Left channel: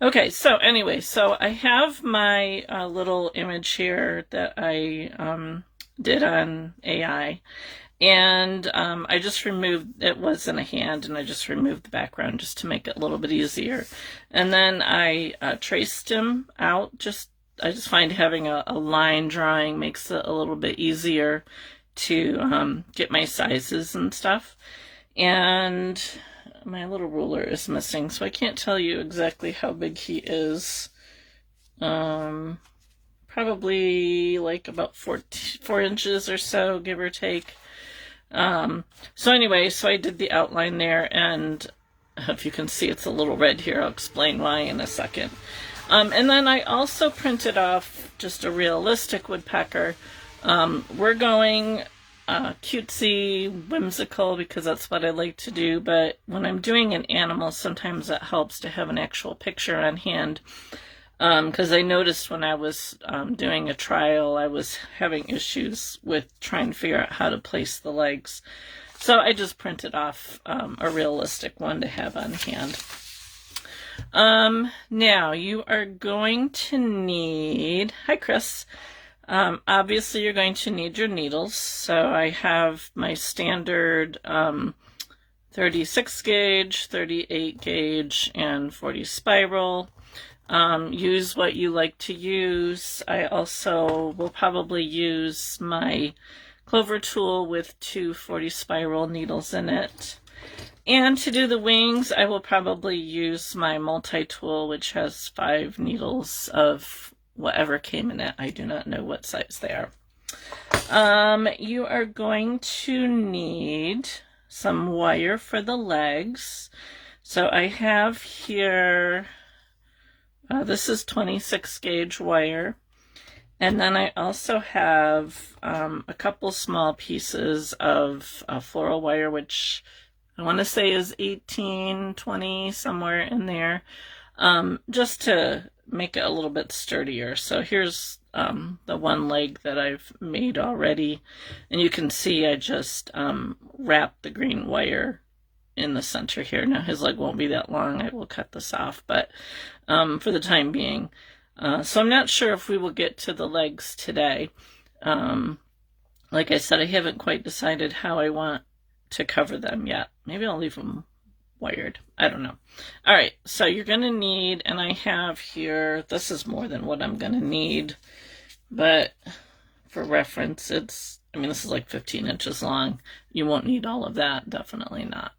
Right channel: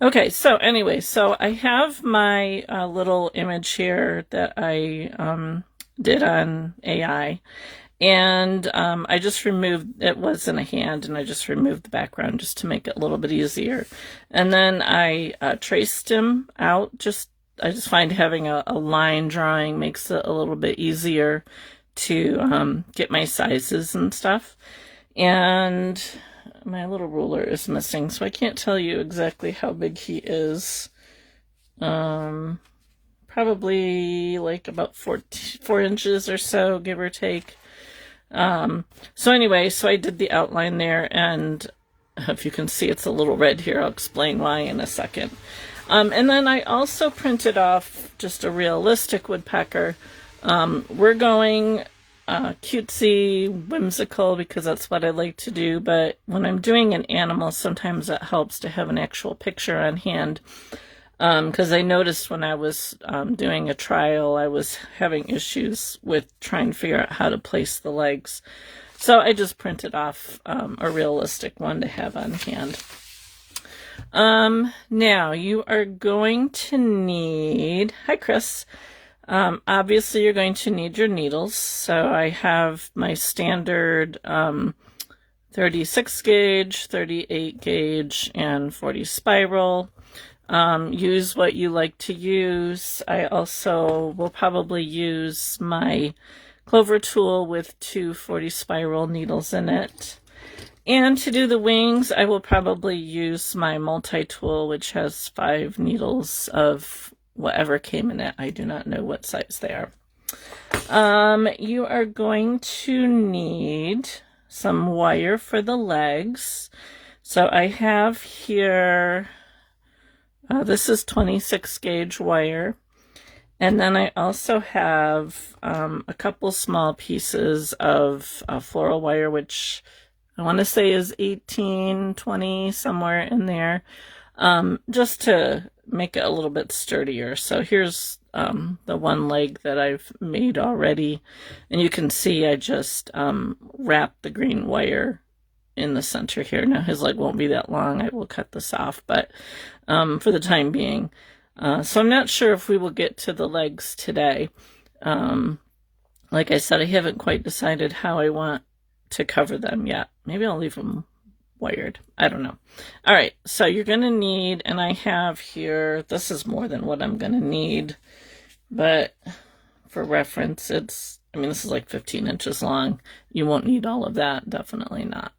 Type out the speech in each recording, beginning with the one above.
Okay, so anyway, so I have my little image here that I did on AI, and I just removed, it wasn't a hand, and I just removed the background just to make it a little bit easier. And then I traced him out. I just find having a line drawing makes it a little bit easier to get my sizes and stuff. And my little ruler is missing, so I can't tell you exactly how big he is. Probably like about 4 inches or so, give or take. So anyway, so I did the outline there, and if you can see, it's a little red here. I'll explain why in a second. And then I also printed off just a realistic woodpecker. We're going cutesy, whimsical, because that's what I like to do, but when I'm doing an animal, sometimes it helps to have an actual picture on hand, because I noticed when I was doing a trial, I was having issues with trying to figure out how to place the legs. So I just printed off a realistic one to have on hand. Now you are going to need, hi Chris, obviously you're going to need your needles. So I have my standard 36 gauge, 38 gauge, and 40 spiral. Use what you like to use. I also will probably use my clover tool with 2 40 spiral needles in it. And to do the wings, I will probably use my multi-tool, which has 5 needles of whatever came in it. I do not know what size they are. You are going to need some wire for the legs. So I have here, this is 26 gauge wire. And then I also have a couple small pieces of floral wire, which I want to say is 18, 20, somewhere in there, just to make it a little bit sturdier. So here's the one leg that I've made already. And you can see I just wrapped the green wire in the center here. Now his leg won't be that long. I will cut this off, but for the time being. So I'm not sure if we will get to the legs today. Like I said, I haven't quite decided how I want to cover them yet. Maybe I'll leave them wired. I don't know. All right, so you're going to need, and I have here, this is more than what I'm going to need, but for reference, this is like 15 inches long. You won't need all of that, definitely not.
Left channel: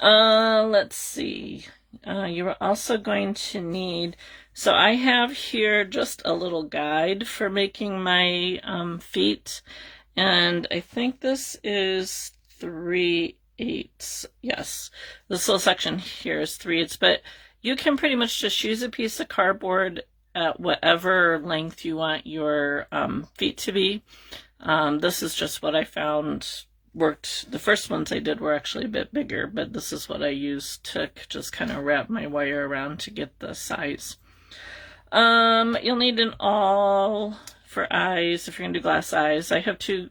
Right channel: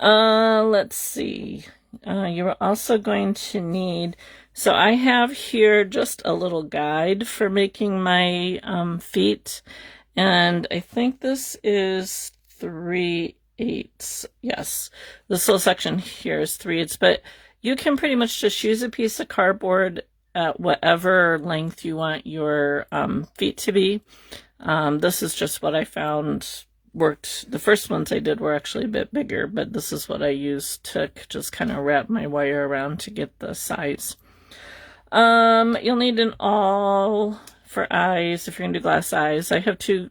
Let's see. You're also going to need, so I have here just a little guide for making my feet, and I think this is 3/8. Yes, this little section here is 3/8, but you can pretty much just use a piece of cardboard at whatever length you want your feet to be. This is just what I found worked. The first ones I did were actually a bit bigger, but this is what I used to just kind of wrap my wire around to get the size. You'll need an awl for eyes if you're gonna do glass eyes. I have 2,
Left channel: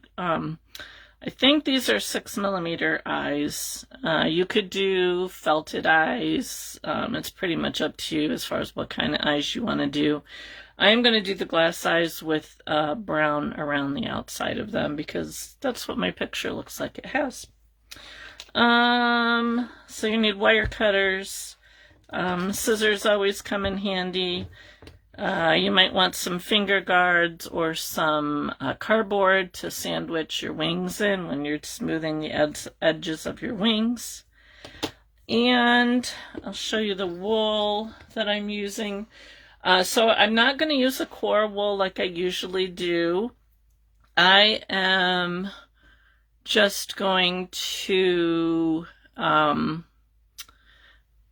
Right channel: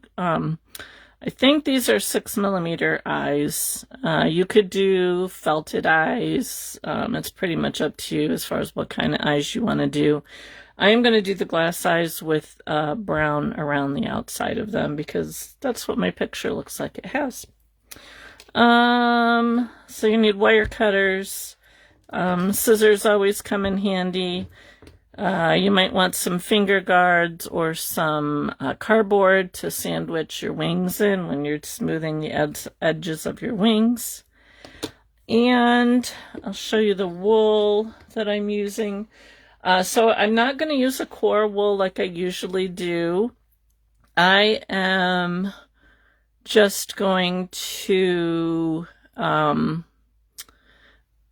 I think these are 6mm eyes. You could do felted eyes. It's pretty much up to you as far as what kind of eyes you want to do. I am going to do the glass eyes with brown around the outside of them because that's what my picture looks like it has. So you need wire cutters. Scissors always come in handy. You might want some finger guards or some cardboard to sandwich your wings in when you're smoothing the edges of your wings. And I'll show you the wool that I'm using. So I'm not going to use a core wool like I usually do. I am just going to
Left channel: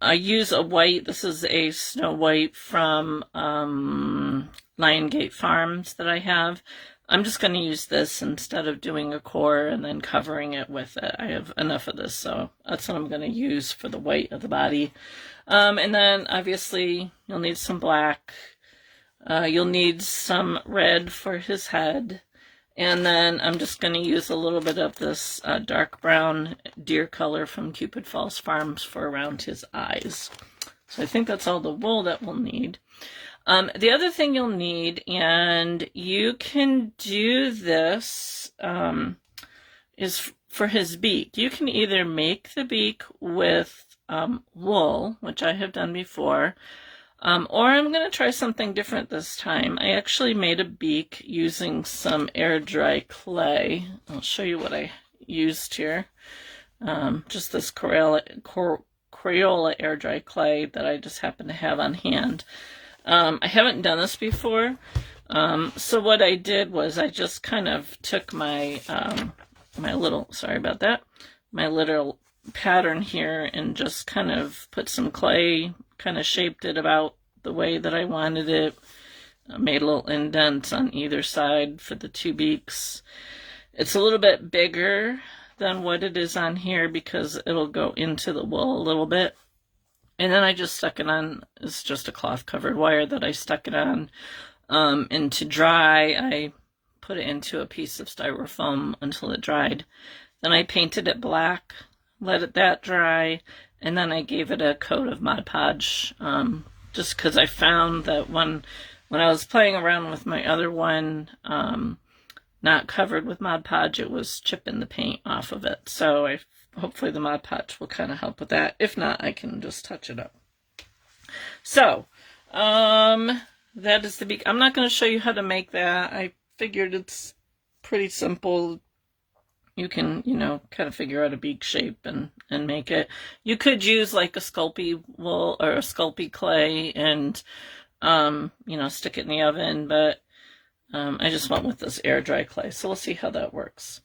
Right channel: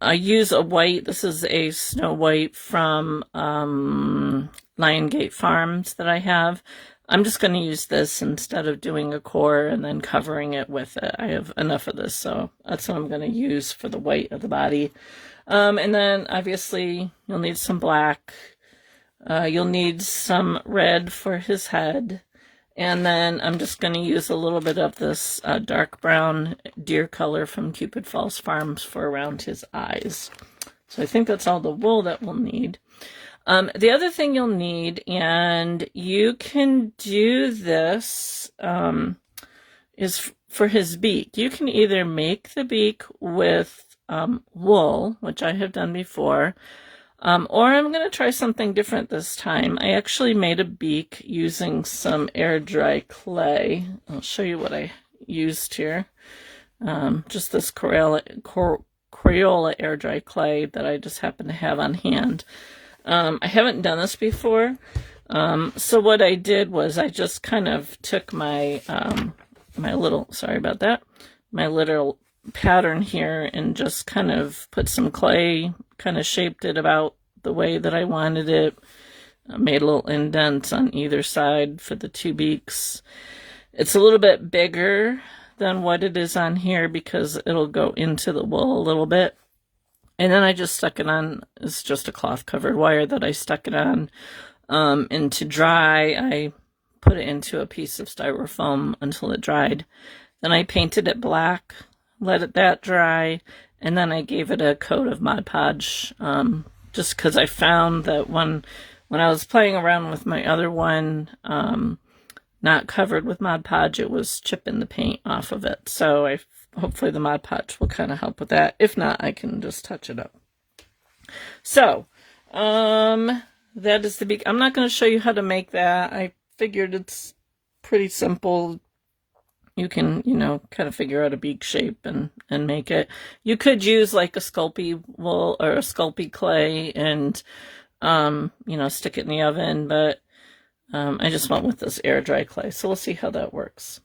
I use a white. This is a Snow White from Lion Gate Farms that I have. I'm just going to use this instead of doing a core and then covering it with it. I have enough of this, so that's what I'm going to use for the white of the body. And then obviously you'll need some black. You'll need some red for his head. And then I'm just going to use a little bit of this dark brown deer color from Cupid Falls Farms for around his eyes. So I think that's all the wool that we'll need. The other thing you'll need, and you can do this, is for his beak. You can either make the beak with wool, which I have done before, or I'm going to try something different this time. I actually made a beak using some air dry clay. I'll show you what I used here. Just this Crayola air dry clay that I just happen to have on hand. I haven't done this before, so what I did was I just kind of took my my little pattern here and just kind of put some clay, kind of shaped it about the way that I wanted it. I made little indents on either side for the two beaks. It's a little bit bigger than what it is on here because it'll go into the wool a little bit. And then I just stuck it on. It's just a cloth covered wire that I stuck it on. And to dry, I put it into a piece of styrofoam until it dried. Then I painted it black, let that dry, and then I gave it a coat of Mod Podge, just because I found that when I was playing around with my other one, not covered with Mod Podge, it was chipping the paint off of it. So hopefully the Mod Podge will kind of help with that. If not, I can just touch it up. So, that is the beak. I'm not going to show you how to make that. I figured it's pretty simple. You can, kind of figure out a beak shape and make it. You could use like a Sculpey wool or a Sculpey clay and, stick it in the oven, but I just went with this air dry clay. So we'll see how that works.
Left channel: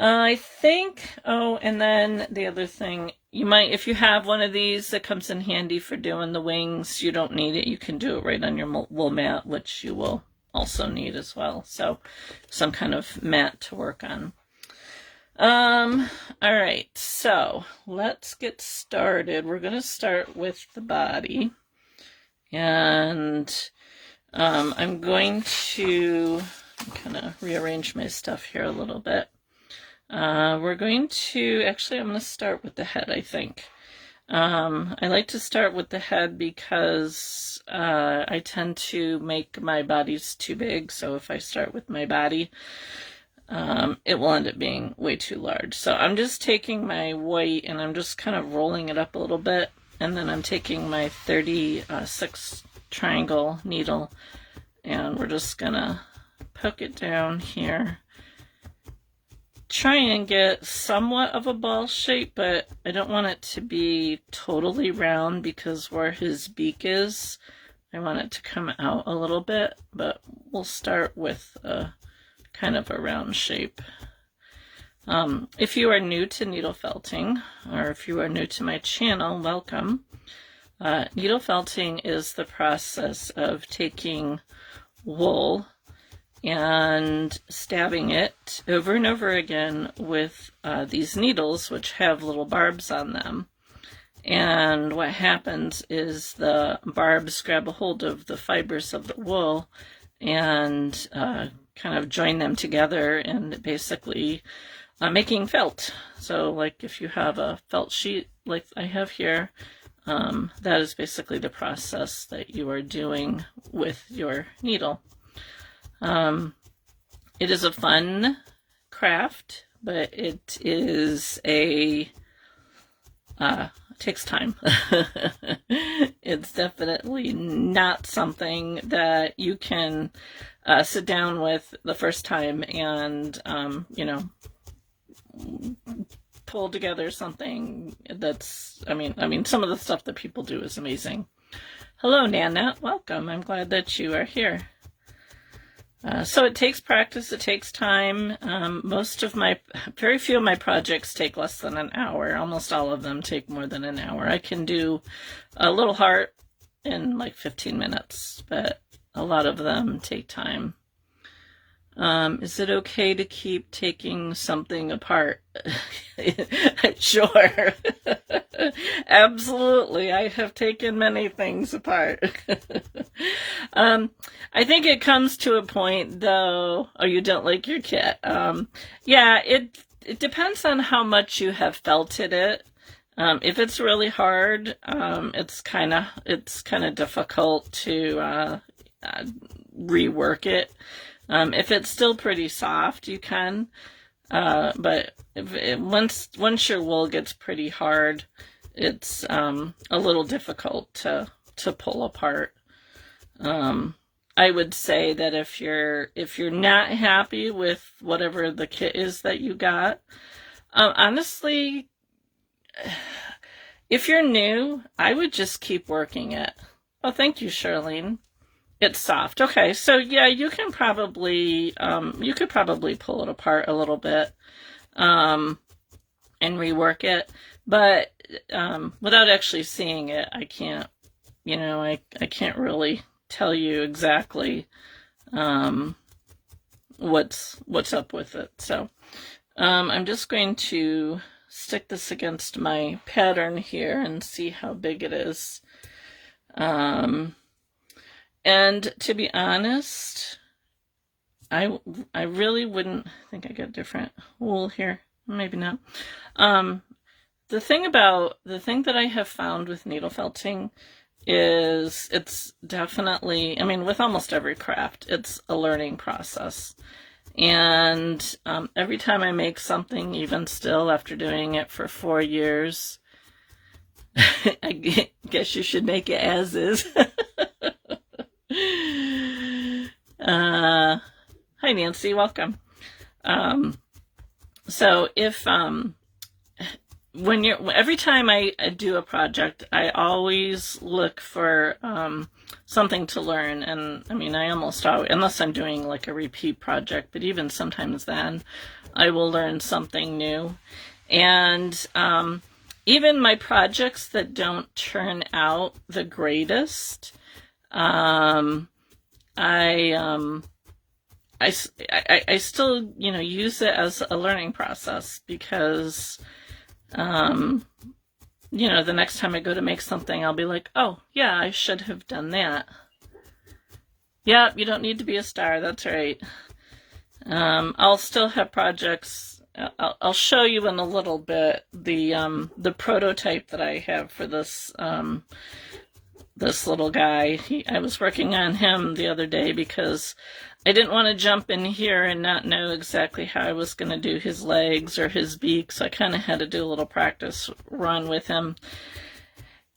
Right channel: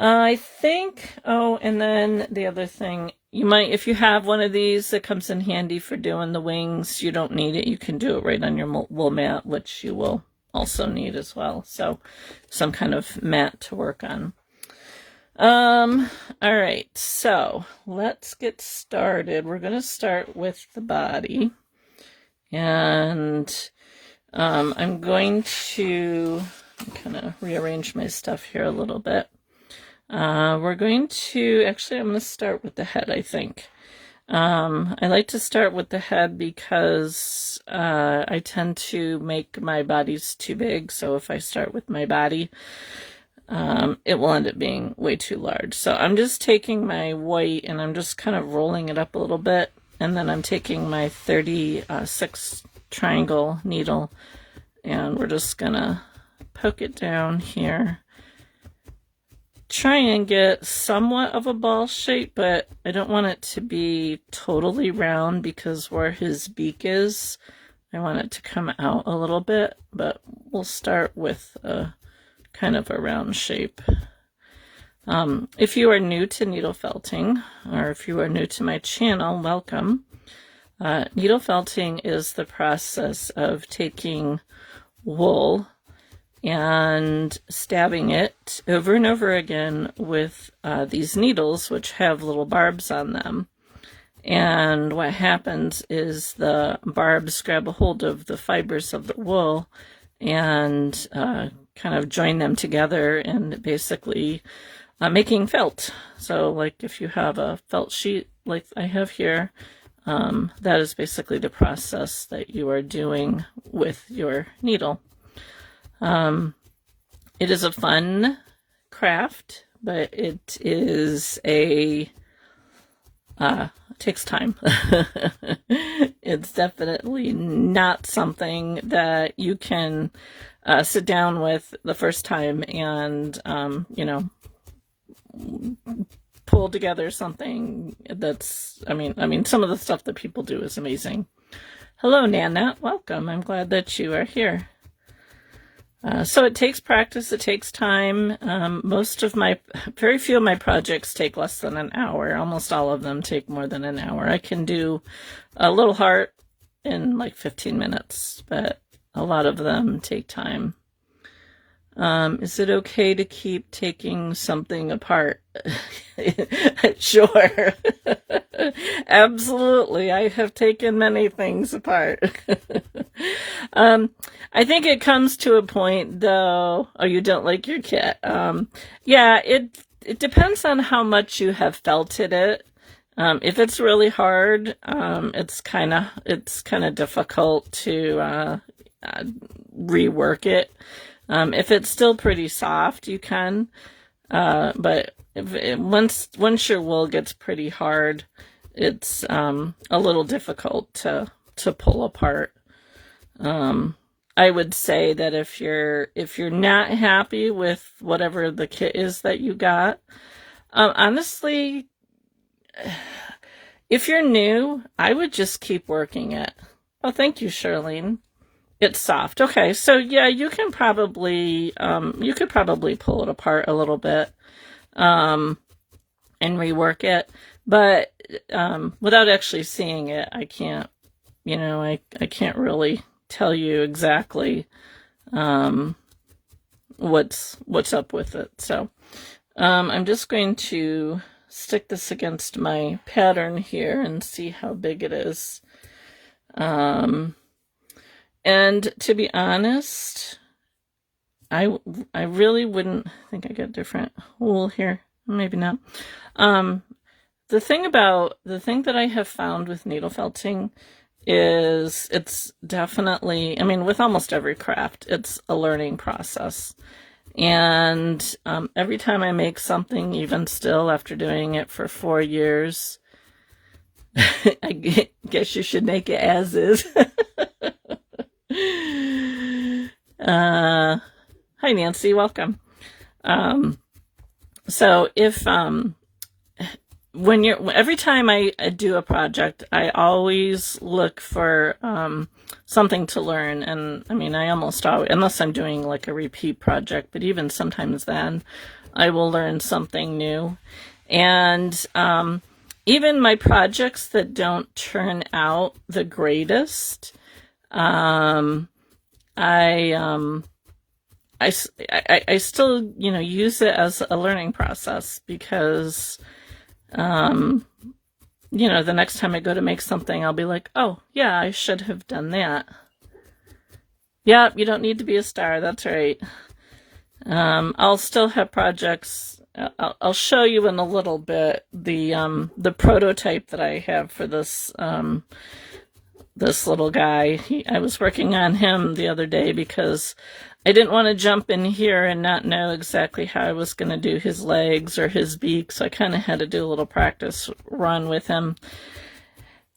I think, and then the other thing, you might, if you have one of these that comes in handy for doing the wings, you don't need it. You can do it right on your wool mat, which you will also need as well. So some kind of mat to work on. All right, so let's get started. We're going to start with the body, and I'm going to kind of rearrange my stuff here a little bit. I'm going to start with the head, I think. I like to start with the head because I tend to make my bodies too big, so if I start with my body, it will end up being way too large. So I'm just taking my white and I'm just kind of rolling it up a little bit, and then I'm taking my 36 triangle needle and we're just gonna poke it down here. Try and get somewhat of a ball shape, but I don't want it to be totally round because where his beak is, I want it to come out a little bit, but we'll start with a kind of a round shape. If you are new to needle felting, or if you are new to my channel, welcome. Needle felting is the process of taking wool and stabbing it over and over again with these needles, which have little barbs on them. And what happens is the barbs grab a hold of the fibers of the wool and kind of join them together and basically making felt. So like if you have a felt sheet like I have here, that is basically the process that you are doing with your needle. It is a fun craft, but it is takes time. It's definitely not something that you can sit down with the first time and, pull together something that's, I mean, some of the stuff that people do is amazing. Hello, Nana. Welcome. I'm glad that you are here. So it takes practice, it takes time. Very few of my projects take less than an hour. Almost all of them take more than an hour. I can do a little heart in like 15 minutes, but a lot of them take time. Is it okay to keep taking something apart? Sure. Absolutely. I have taken many things apart. I think it comes to a point, though, you don't like your kit. Yeah, it depends on how much you have felted it. If it's really hard, it's kind of difficult to rework it. If it's still pretty soft, you can. But once your wool gets pretty hard, it's a little difficult to pull apart. I would say that if you're not happy with whatever the kit is that you got, honestly, if you're new, I would just keep working it. Oh, thank you, Charlene. It's soft. Okay, so yeah, you could probably pull it apart a little bit and rework it, but without actually seeing it, I can't, I can't really tell you exactly what's up with it. So I'm just going to stick this against my pattern here and see how big it is. And to be honest, I really wouldn't. I think I got different wool here. Maybe not. The thing that I have found with needle felting is it's definitely, I mean, with almost every craft, it's a learning process. And every time I make something, even still after doing it for 4 years, I guess you should make it as is. Hi Nancy, welcome. So if every time I do a project, I always look for something to learn. And I mean, I almost always, unless I'm doing like a repeat project, but even sometimes then I will learn something new. And even my projects that don't turn out the greatest, I still, use it as a learning process because, the next time I go to make something, I'll be like, oh, yeah, I should have done that. Yeah, you don't need to be a star. That's right. I'll still have projects. I'll show you in a little bit the prototype that I have for this this little guy. I was working on him the other day because I didn't want to jump in here and not know exactly how I was going to do his legs or his beak, so I kind of had to do a little practice run with him.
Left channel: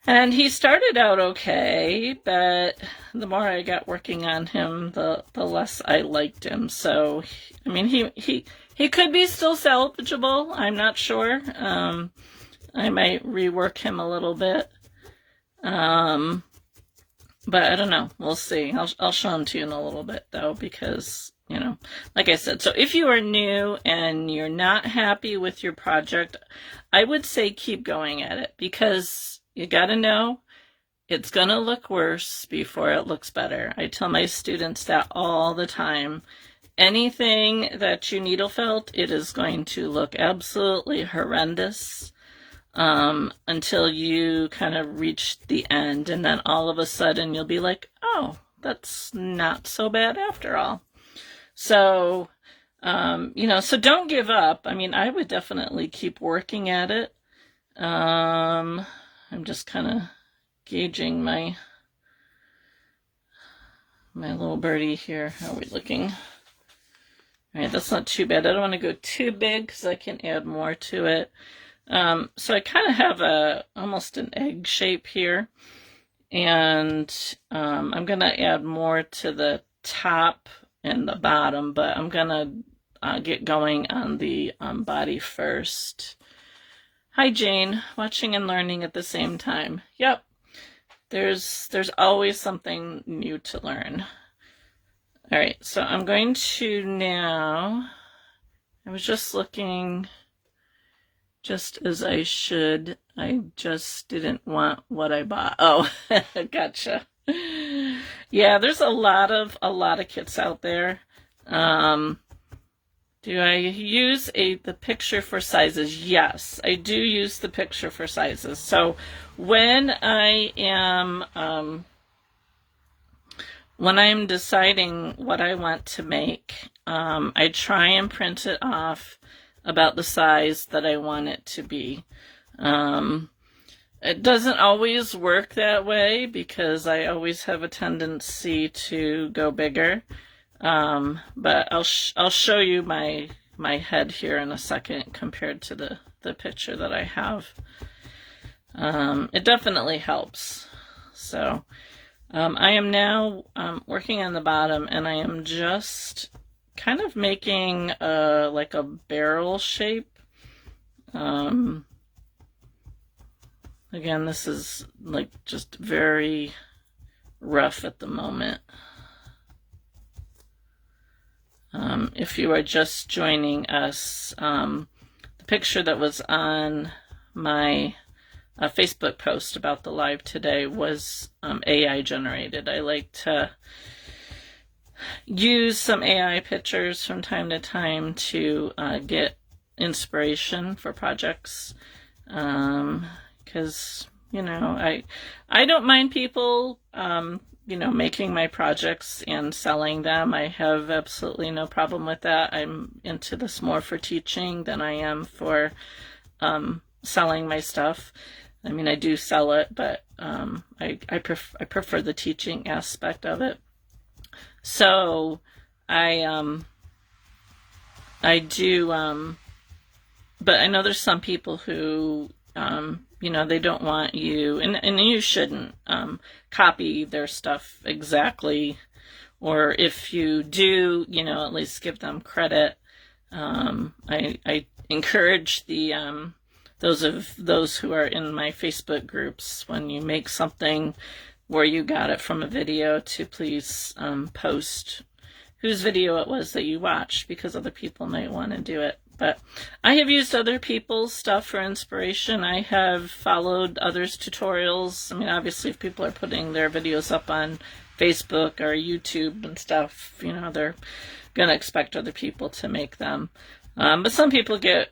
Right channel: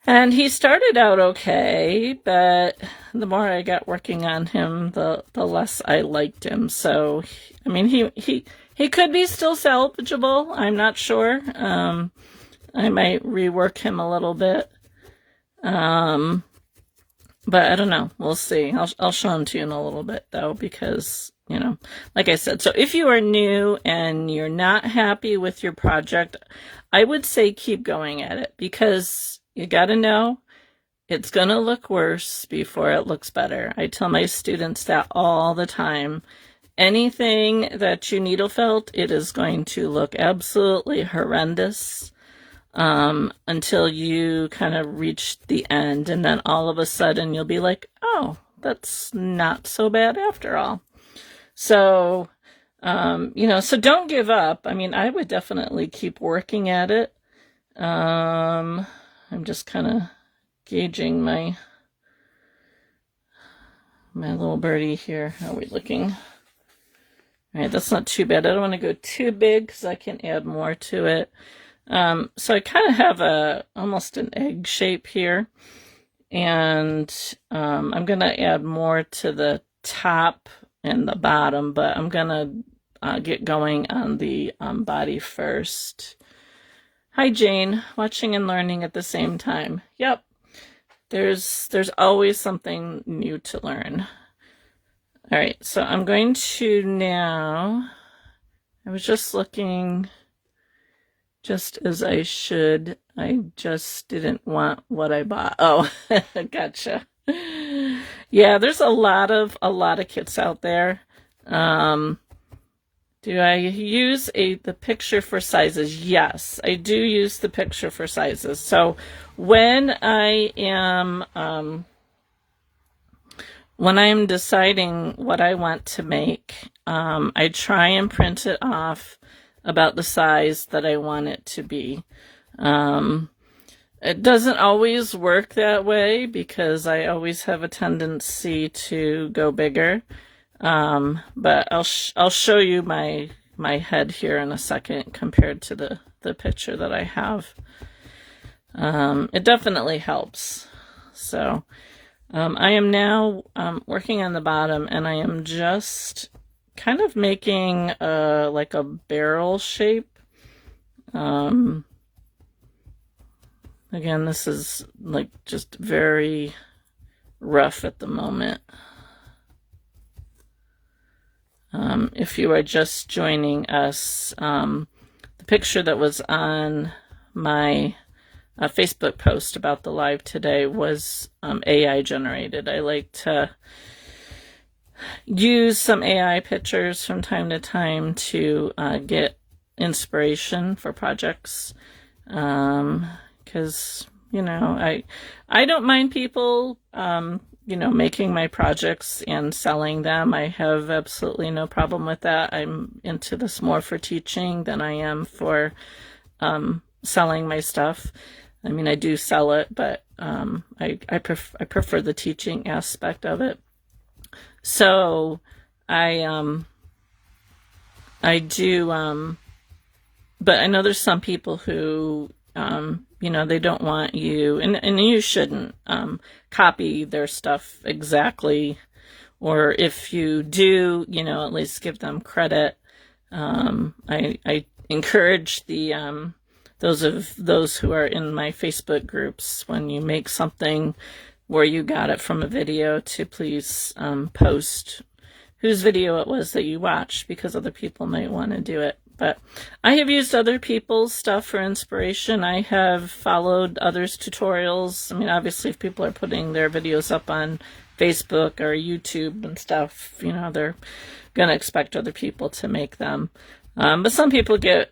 And he started out okay, but the more I got working on him, the less I liked him. So, I mean, he could be still salvageable. I'm not sure. I might rework him a little bit. But I don't know. We'll see. I'll show them to you in a little bit, though, because, like I said, so if you are new and you're not happy with your project, I would say keep going at it, because you got to know it's going to look worse before it looks better. I tell my students that all the time. Anything that you needle felt, it is going to look absolutely horrendous until you kind of reach the end, and then all of a sudden you'll be like, oh, that's not so bad after all. So, so don't give up. I mean, I would definitely keep working at it. I'm just kind of gauging my little birdie here. How are we looking? All right, that's not too bad. I don't want to go too big because I can add more to it. So I kind of have almost an egg shape here, and I'm going to add more to the top and the bottom, but I'm going to get going on the body first. Hi, Jane, watching and learning at the same time. Yep, there's always something new to learn. All right, so I'm going to now, I was just looking just as I should. I just didn't want what I bought. Oh, gotcha. Yeah, there's a lot of kits out there. Do I use the picture for sizes? Yes, I do use the picture for sizes. So when I am deciding what I want to make, I try and print it off about the size that I want it to be. It doesn't always work that way because I always have a tendency to go bigger. But I'll show you my head here in a second compared to the picture that I have. It definitely helps. So I am now working on the bottom, and I am just kind of making like a barrel shape. Again, this is like just very rough at the moment. If you are just joining us, the picture that was on my Facebook post about the live today was AI generated. I like to use some AI pictures from time to time to get inspiration for projects. Because, you know, I don't mind people, you know, making my projects and selling them. I have absolutely no problem with that. I'm into this more for teaching than I am for selling my stuff. I mean, I do sell it, but I prefer the teaching aspect of it. So I do, but I know there's some people who, you know, they don't want you, and you shouldn't copy their stuff exactly, or if you do, you know, at least give them credit. I encourage the those who are in my Facebook groups, when you make something where you got it from a video, to please post whose video it was that you watched, because other people might want to do it. But I have used other people's stuff for inspiration. I have followed others' tutorials. I mean, obviously, if people are putting their videos up on Facebook or YouTube and stuff, you know, they're going to expect other people to make them. But some people get,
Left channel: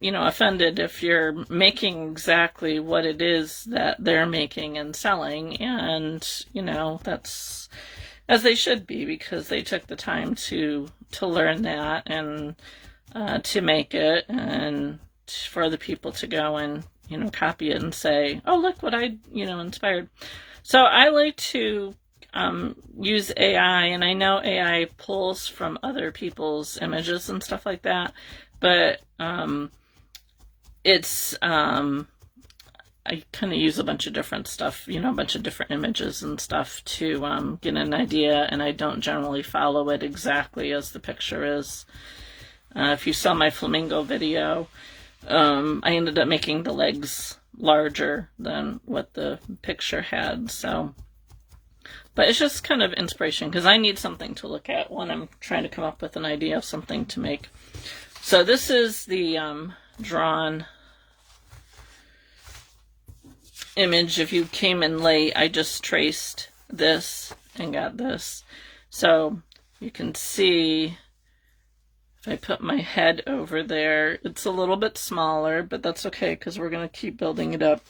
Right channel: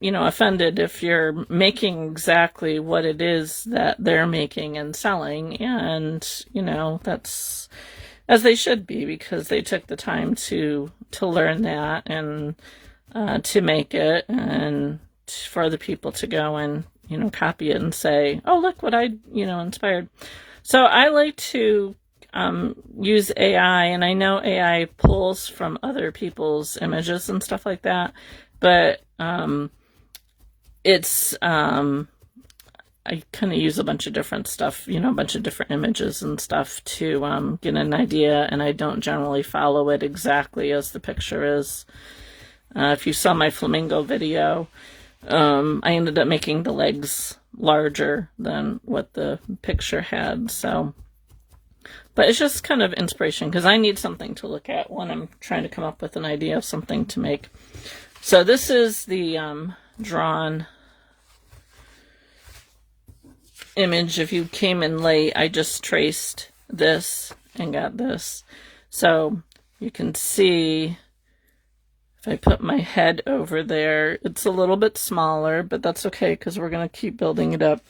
you know, offended if you're making exactly what it is that they're making and selling. And, you know, that's as they should be, because they took the time to learn that and to make it, and for other people to go and, you know, copy it and say, oh, look what I, you know, inspired. So I like to use AI, and I know AI pulls from other people's images and stuff like that, but it's I kind of use a bunch of different stuff, you know, a bunch of different images and stuff to get an idea, and I don't generally follow it exactly as the picture is. If you saw my flamingo video, I ended up making the legs larger than what the picture had. So, but it's just kind of inspiration, because I need something to look at when I'm trying to come up with an idea of something to make. So this is the drawn image. If you came in late, I just traced this and got this. So you can see, if I put my head over there, it's a little bit smaller, but that's okay, because we're going to keep building it up.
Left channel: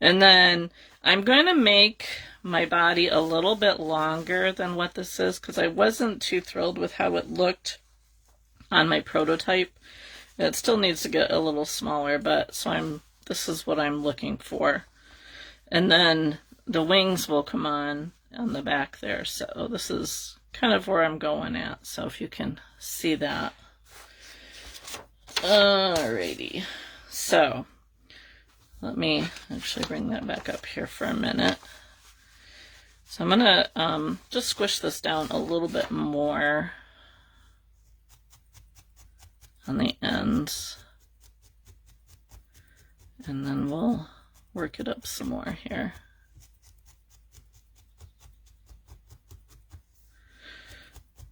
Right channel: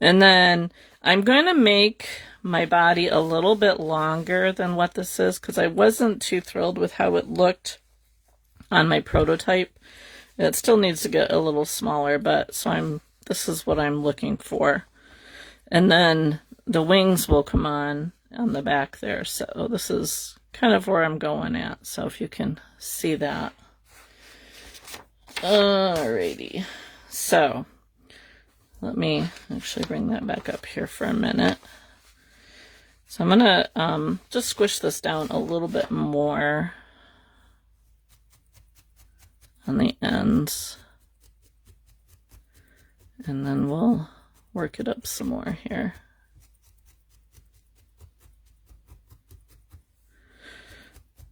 And then I'm going to make my body a little bit longer than what this is, because I wasn't too thrilled with how it looked on my prototype. It still needs to get a little smaller, but so this is what I'm looking for. And then the wings will come on the back there. So this is kind of where I'm going at. So if you can see that. Alrighty. So let me actually bring that back up here for a minute. So I'm gonna just squish this down a little bit more on the ends, and then we'll work it up some more here.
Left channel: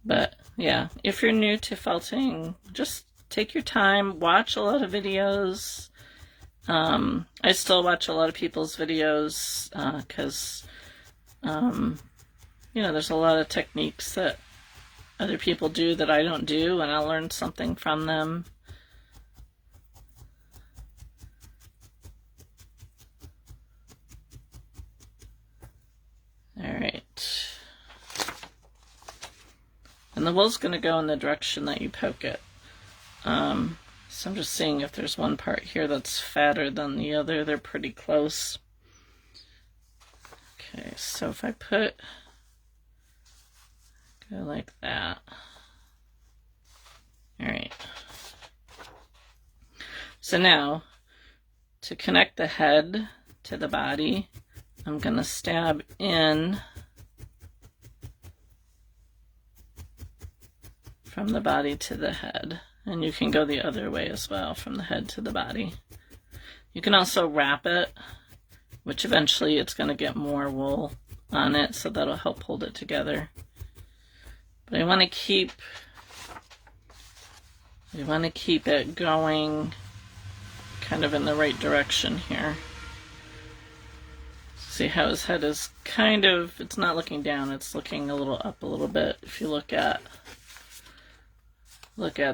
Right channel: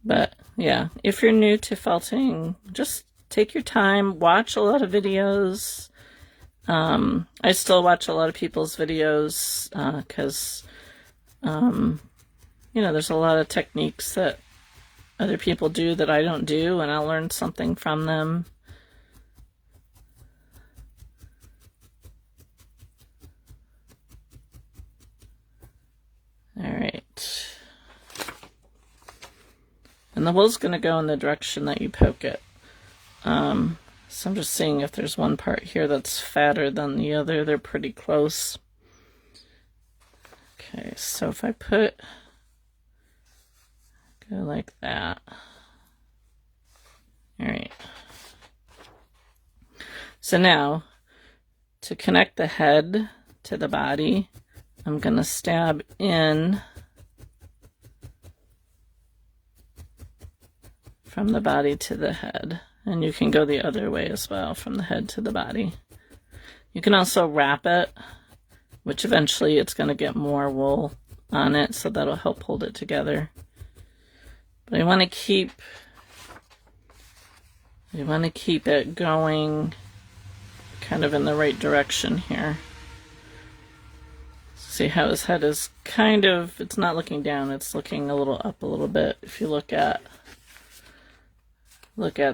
But yeah, if you're new to felting, just take your time, watch a lot of videos. I still watch a lot of people's videos because you know, there's a lot of techniques that other people do that I don't do, and I'll learn something from them. All right. And the wool's going to go in the direction that you poke it. So I'm just seeing if there's one part here that's fatter than the other. They're pretty close. Okay, so if I go like that. All right. So now, to connect the head to the body, I'm going to stab in from the body to the head. And you can go the other way as well, from the head to the body. You can also wrap it, which eventually it's going to get more wool on it, so that'll help hold it together. But I want to keep it going kind of in the right direction here. See how his head is kind of, it's not looking down, it's looking a little up a little bit. If you look at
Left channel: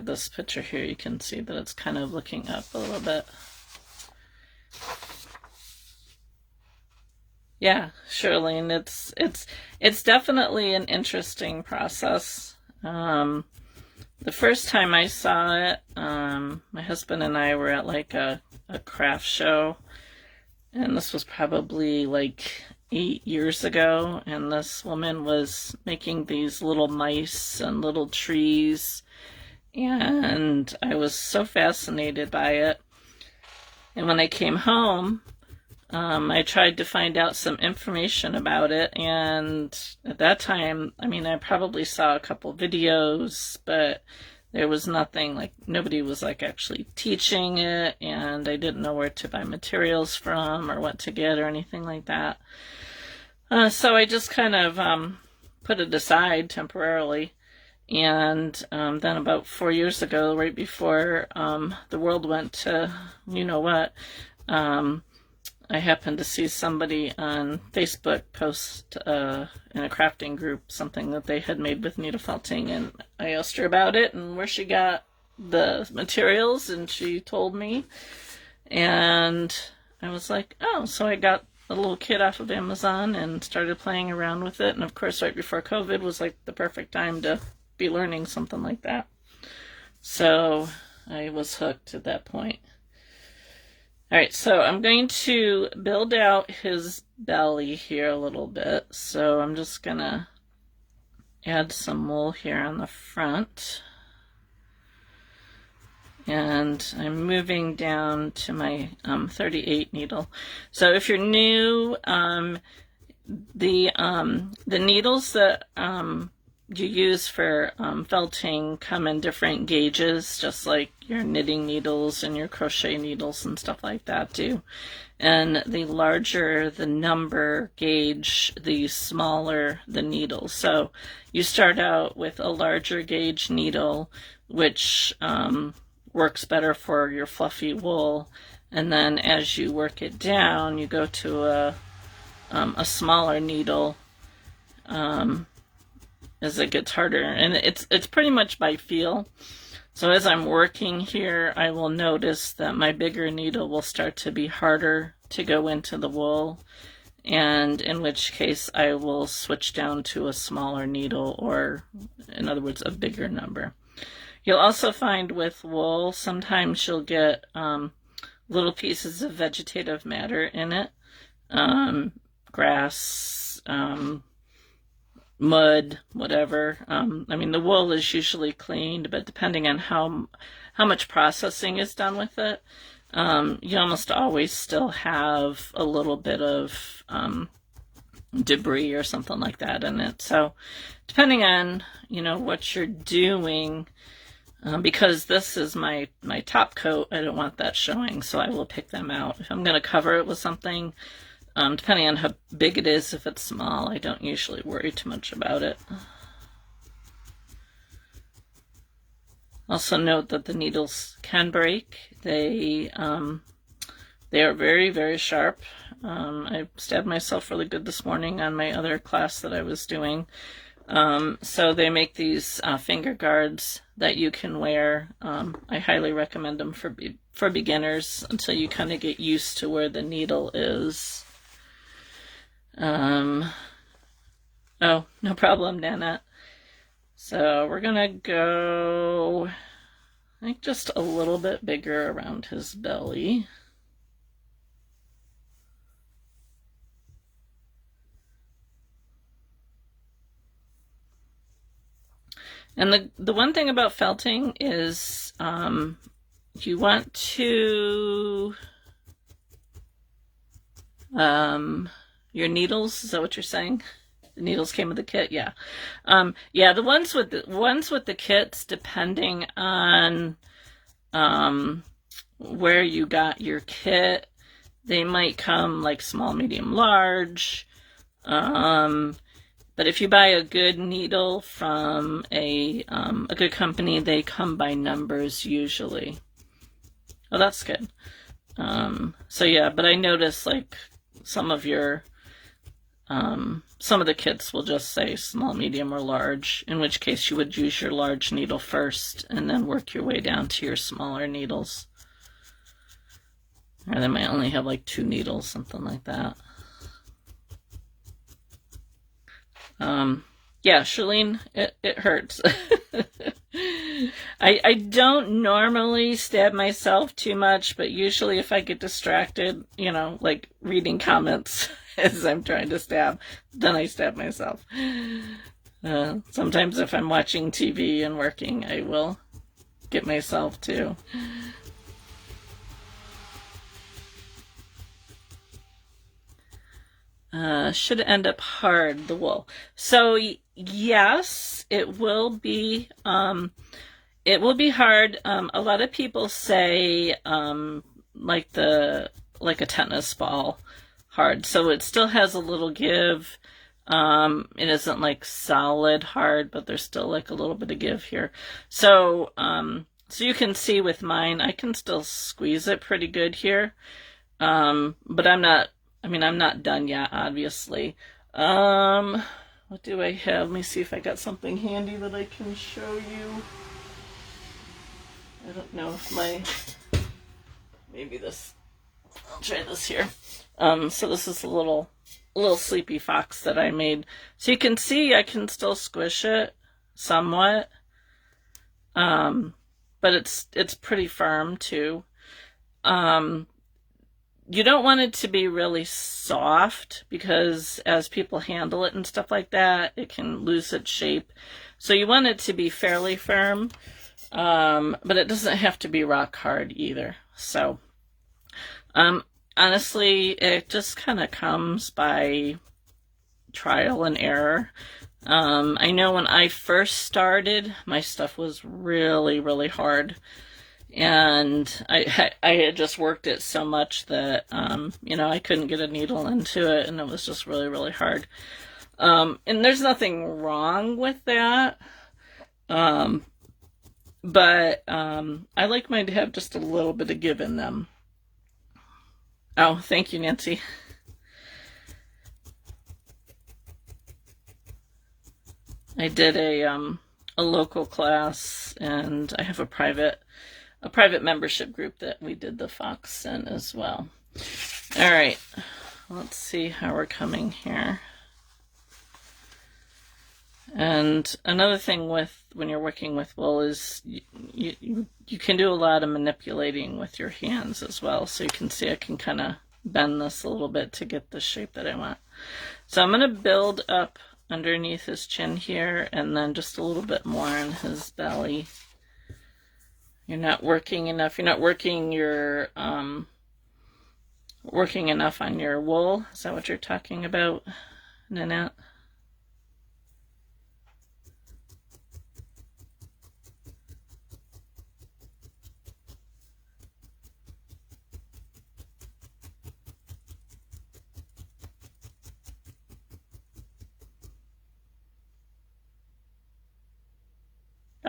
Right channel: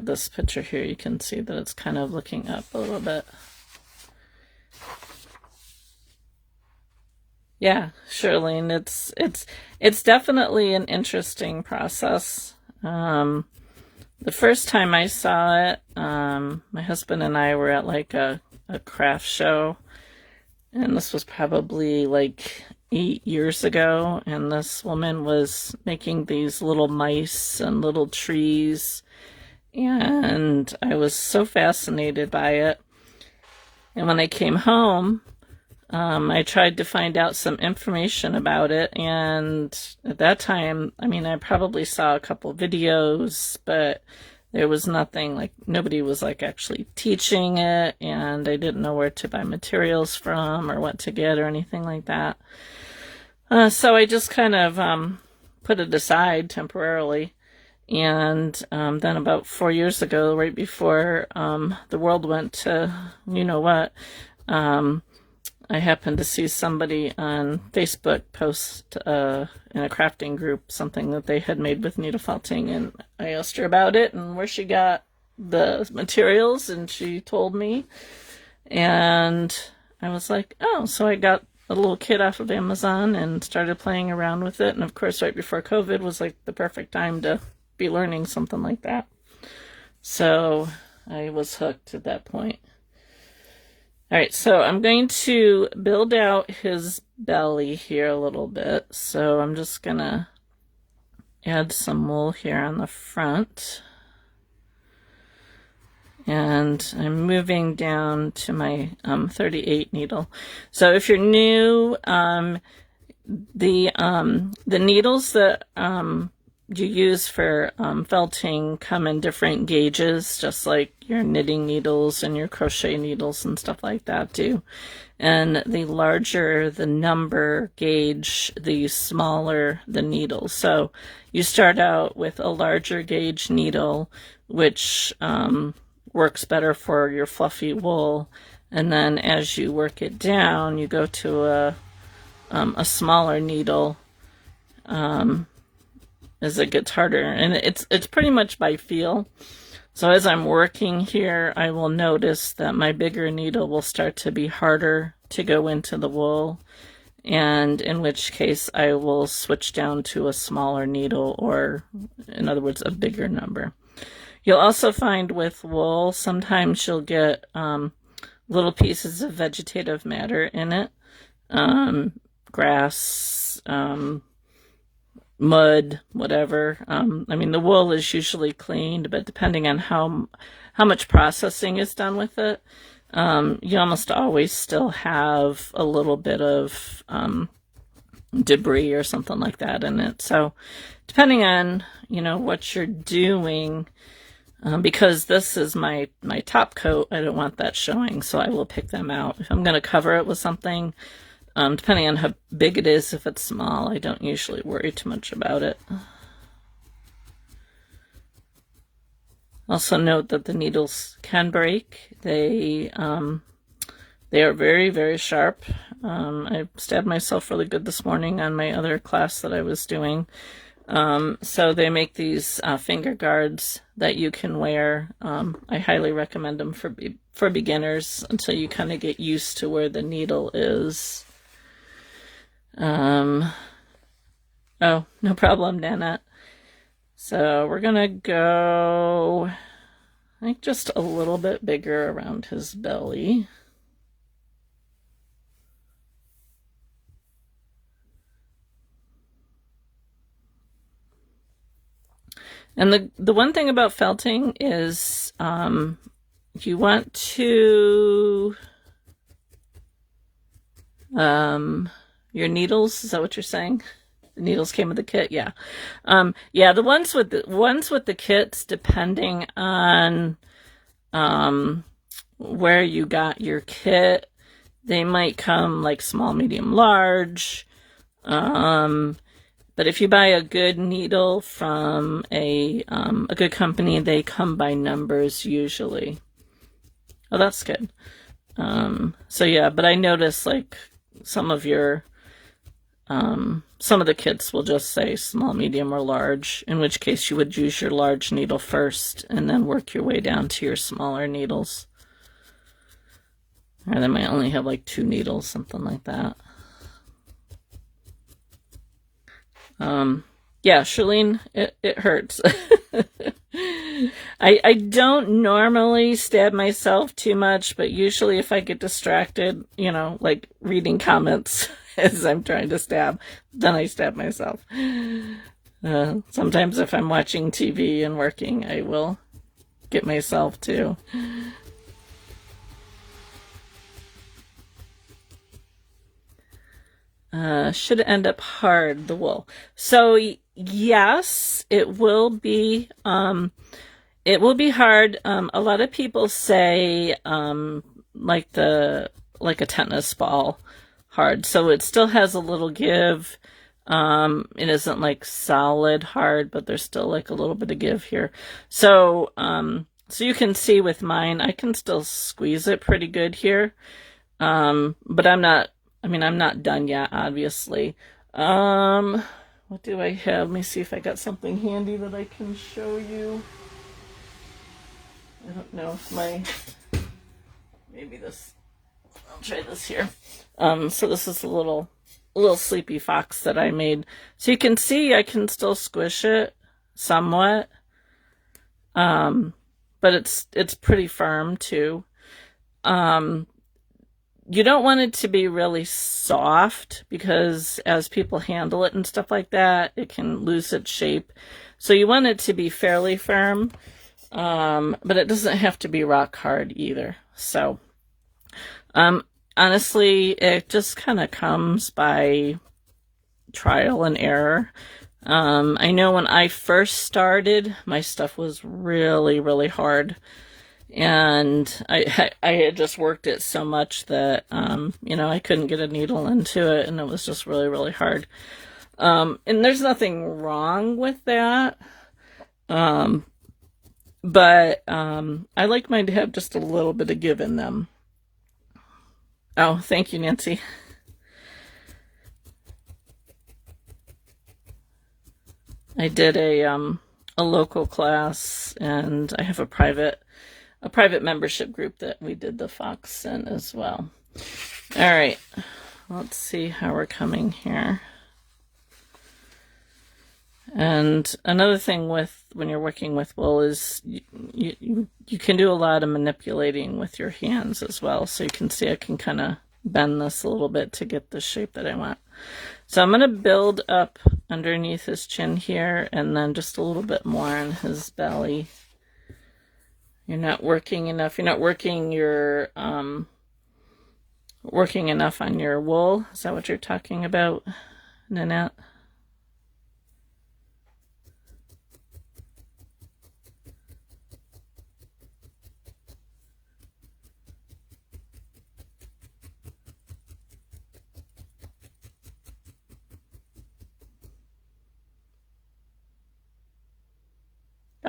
this picture here, you can see that it's kind of looking up a little bit. Yeah, Shirlene, it's definitely an interesting process. The first time I saw it, my husband and I were at like a craft show, and this was probably like 8 years ago, and this woman was making these little mice and little trees, and I was so fascinated by it. And when I came home, I tried to find out some information about it, and at that time, I mean, I probably saw a couple videos, but there was nothing, like, nobody was like actually teaching it, and I didn't know where to buy materials from or what to get or anything like that. So I just kind of put it aside temporarily. And then about 4 years ago, right before the world went to you know what, I happened to see somebody on Facebook post in a crafting group something that they had made with needle felting, and I asked her about it and where she got the materials, and she told me, and I was like, oh, so I got a little kit off of Amazon and started playing around with it. And of course, right before COVID was like the perfect time to be learning something like that. So I was hooked at that point. All right, so I'm going to build out his belly here a little bit. So I'm just going to add some wool here on the front. And I'm moving down to my 38 needle. So if you're new, the needles that you use for felting come in different gauges, just like your knitting needles and your crochet needles and stuff like that do. And the larger the number gauge, the smaller the needle. So you start out with a larger gauge needle, which works better for your fluffy wool, and then as you work it down, you go to a smaller needle as it gets harder, and it's pretty much by feel. So as I'm working here, I will notice that my bigger needle will start to be harder to go into the wool, and in which case I will switch down to a smaller needle, or in other words, a bigger number. You'll also find with wool, sometimes you'll get little pieces of vegetative matter in it, grass, mud, whatever. I mean, the wool is usually cleaned, but depending on how much processing is done with it, you almost always still have a little bit of debris or something like that in it. So depending on, what you're doing, because this is my top coat, I don't want that showing, so I will pick them out. If I'm going to cover it with something, depending on how big it is, if it's small, I don't usually worry too much about it. Also note that the needles can break. They are very, very sharp. I stabbed myself really good this morning on my other class that I was doing. So they make these finger guards that you can wear. I highly recommend them for beginners until you kind of get used to where the needle is. Oh, no problem, Nana. So we're gonna go I think just a little bit bigger around his belly. And the one thing about felting is you want to your needles, is that what you're saying? The needles came with the kit, yeah. Yeah, the ones with the kits, depending on where you got your kit, they might come like small, medium, large. But if you buy a good needle from a good company, they come by numbers usually. Well, that's good. So yeah, but I noticed like some of your some of the kits will just say small, medium, or large, in which case you would use your large needle first and then work your way down to your smaller needles. Or they might only have like 2 needles, something like that. Yeah, Charlene, it hurts. I don't normally stab myself too much, but usually if I get distracted, you know, like reading comments as I'm trying to stab, then I stab myself. Sometimes if I'm watching TV and working, I will get myself too. Should it end up hard, the wool? So yes, it will be hard. A lot of people say like a tennis ball hard. So it still has a little give. It isn't like solid hard, but there's still like a little bit of give here. So so you can see with mine, I can still squeeze it pretty good here. But I'm not done yet, obviously. What do I have? Let me see if I got something handy that I can show you. I don't know if maybe this, I'll try this here. So this is a little sleepy fox that I made. So you can see I can still squish it somewhat. But it's pretty firm too. You don't want it to be really soft because as people handle it and stuff like that, it can lose its shape. So you want it to be fairly firm, but it doesn't have to be rock hard either. So, honestly, it just kind of comes by trial and error. I know when I first started, my stuff was really, really hard. And I had just worked it so much that, you know, I couldn't get a needle into it, and it was just really, really hard. And there's nothing wrong with that. But I like mine to have just a little bit of give in them. Oh, thank you, Nancy. I did a local class, and I have a private membership group that we did the fox in as well. All right, let's see how we're coming here. And another thing with when you're working with wool is you can do a lot of manipulating with your hands as well. So you can see I can kind of bend this a little bit to get the shape that I want. So I'm going to build up underneath his chin here, and then just a little bit more on his belly. You're not working enough. You're not working your working enough on your wool. Is that what you're talking about, Nanette?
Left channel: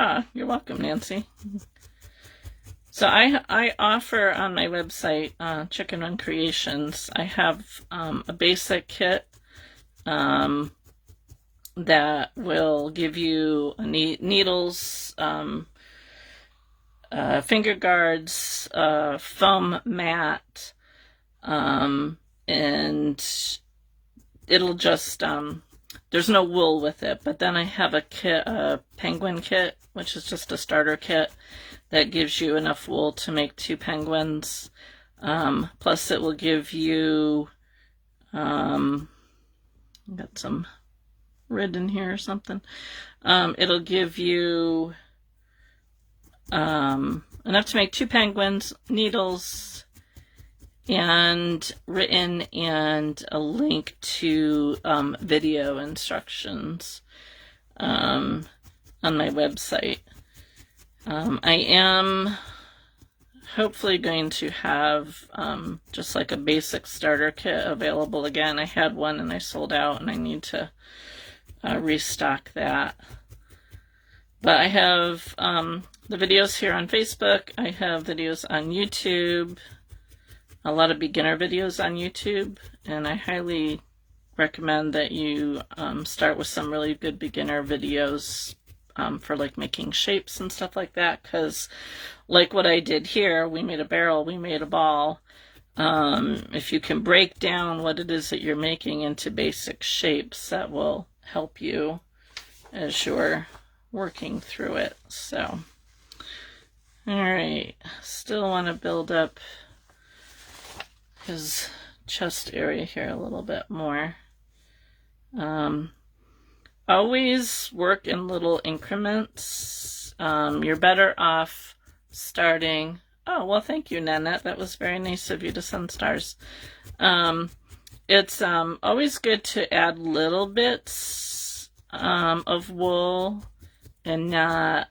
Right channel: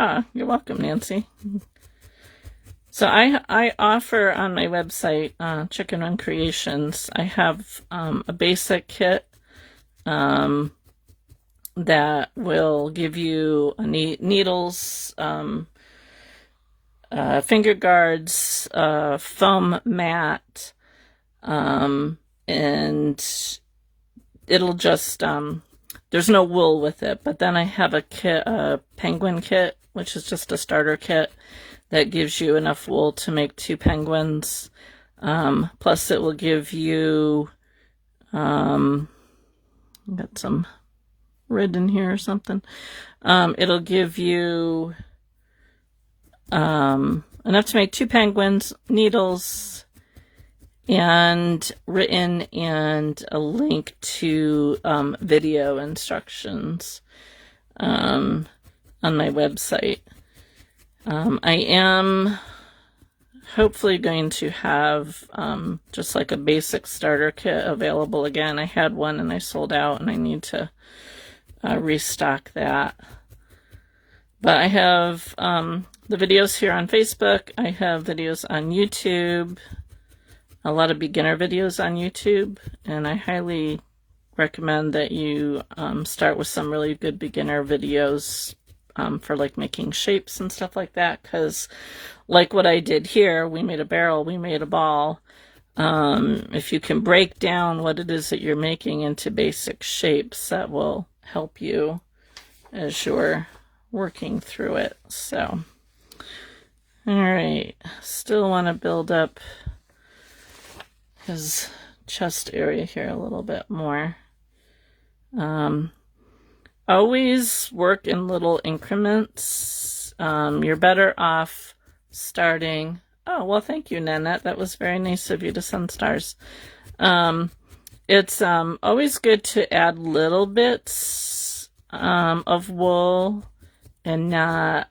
Ah, you're welcome, Nancy. So I offer on my website, Chicken Run Creations, I have a basic kit that will give you needles, finger guards, foam mat, and it'll just, there's no wool with it, but then I have a kit, a penguin kit, which is just a starter kit that gives you enough wool to make 2 penguins. Plus it will give you, got some red in here or something. It'll give you enough to make 2 penguins, needles, and written, and a link to video instructions on my website. I am hopefully going to have just like a basic starter kit available again. I had one and I sold out, and I need to restock that. But I have the videos here on Facebook. I have videos on YouTube, a lot of beginner videos on YouTube, and I highly recommend that you start with some really good beginner videos for like making shapes and stuff like that, because like what I did here, we made a barrel, we made a ball. If you can break down what it is that you're making into basic shapes, that will help you as you're working through it. So, all right, still want to build up his chest area here a little bit more. Always work in little increments. You're better off starting. Oh, well, thank you, Nanette. That was very nice of you to send stars. It's always good to add little bits of wool, and not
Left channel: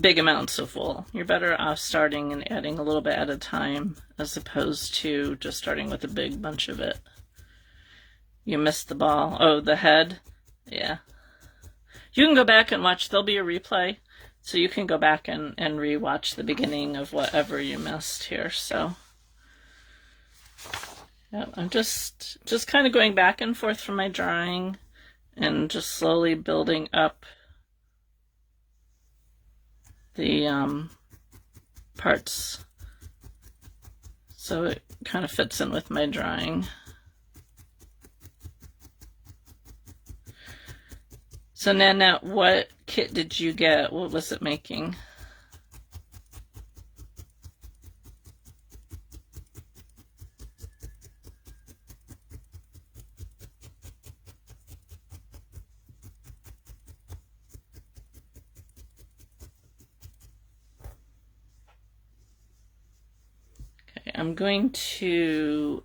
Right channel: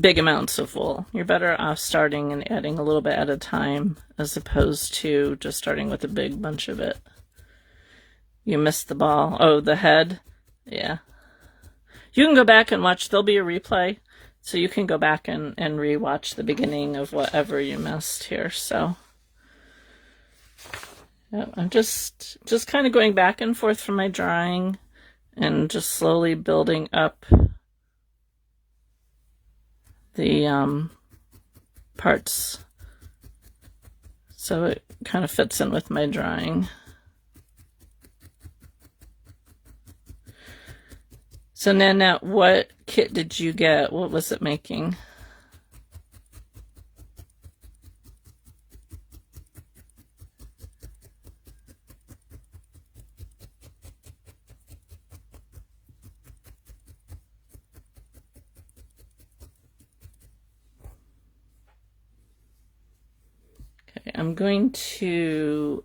big amounts of wool. You're better off starting and adding a little bit at a time, as opposed to just starting with a big bunch of it. You missed the ball. Oh, the head? Yeah. You can go back and watch. There'll be a replay, so you can go back and re-watch the beginning of whatever you missed here. So yeah, I'm just kind of going back and forth from my drawing and just slowly building up the parts so it kind of fits in with my drawing. So Nana, what kit did you get? What was it making? Okay, I'm going to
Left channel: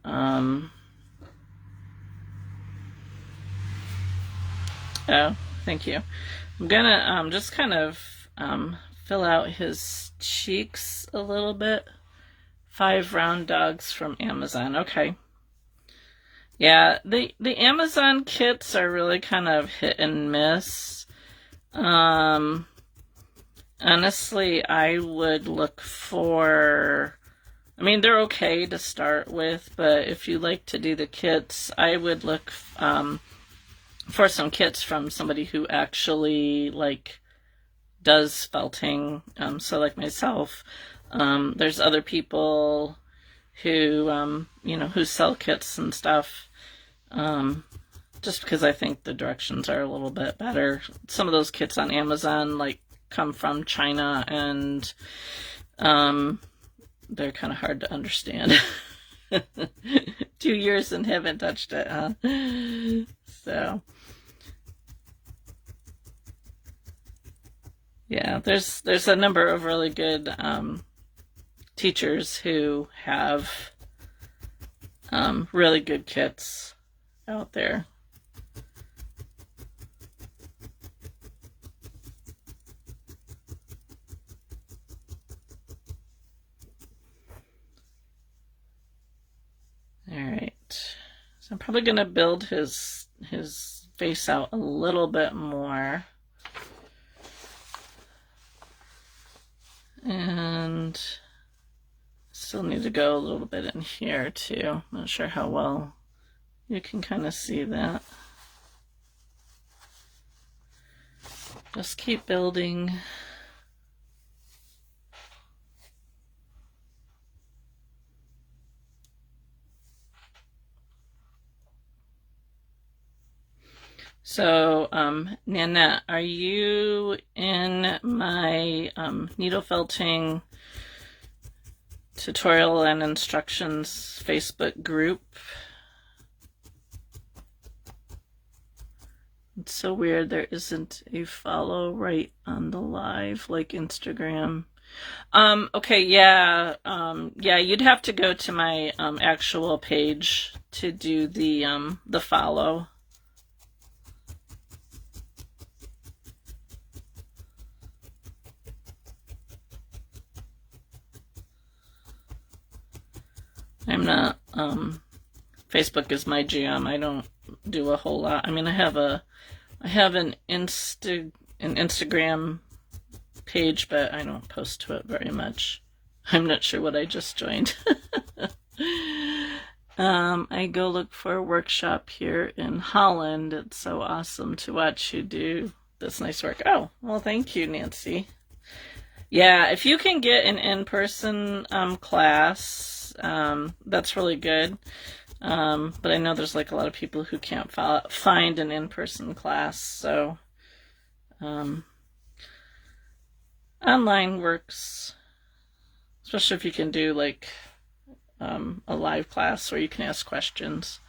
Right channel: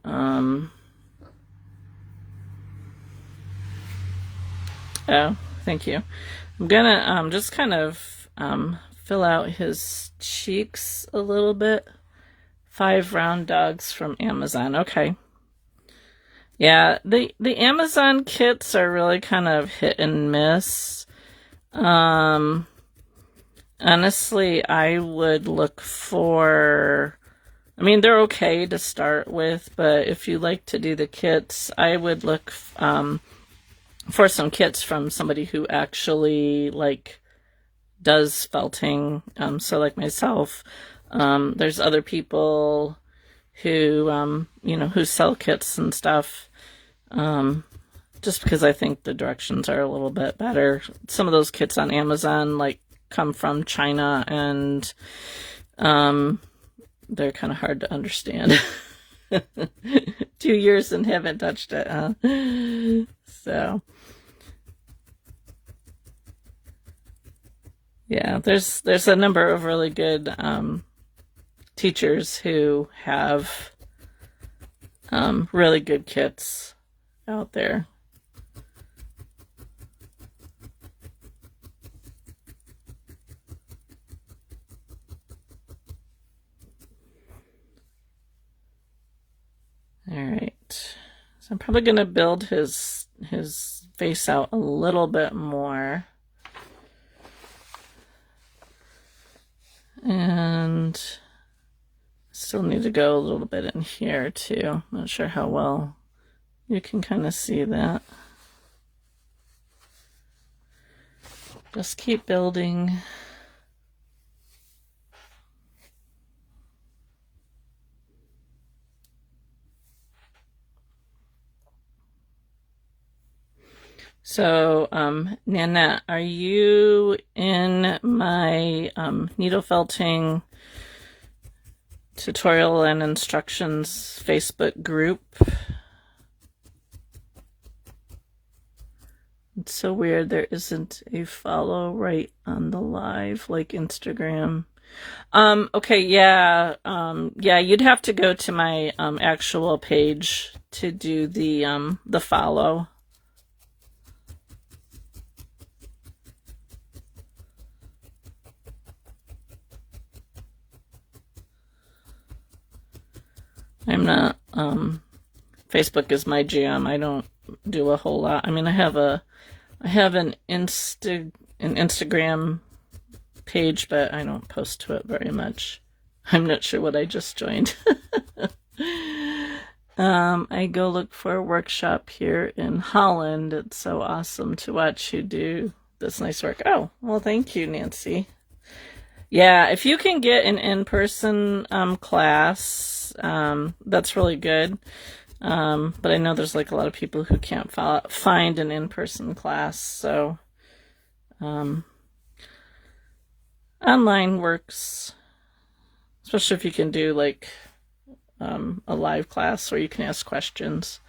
oh, thank you. I'm gonna just kind of fill out his cheeks a little bit. 5 round dogs from Amazon. Okay. Yeah, the Amazon kits are really kind of hit and miss. Honestly, I would look for, I mean, they're okay to start with, but if you like to do the kits, I would look for some kits from somebody who actually like does felting. So like myself, there's other people who you know, who sell kits and stuff, just because I think the directions are a little bit better. Some of those kits on Amazon like come from China, and they're kind of hard to understand. 2 years and haven't touched it, huh? So yeah, there's a number of really good teachers who have really good kits out there. All right, so I'm probably going to build his face out a little bit more. And still need to go a little bit in here too. Not sure how well you can kind of see that. Just keep building. So, Nanette, are you in my needle felting tutorial and instructions Facebook group? It's so weird there isn't a follow right on the live like Instagram. Okay, yeah, yeah, you'd have to go to my actual page to do the follow. I'm not, Facebook is my jam. I don't do a whole lot. I mean, I have an Instagram page, but I don't post to it very much. I'm not sure what I just joined. I go look for a workshop here in Holland. It's so awesome to watch you do this nice work. Oh, well, thank you, Nancy. Yeah, if you can get an in-person class, that's really good. But I know there's like a lot of people who can't find an in-person class, so online works, especially if you can do like a live class where you can ask questions.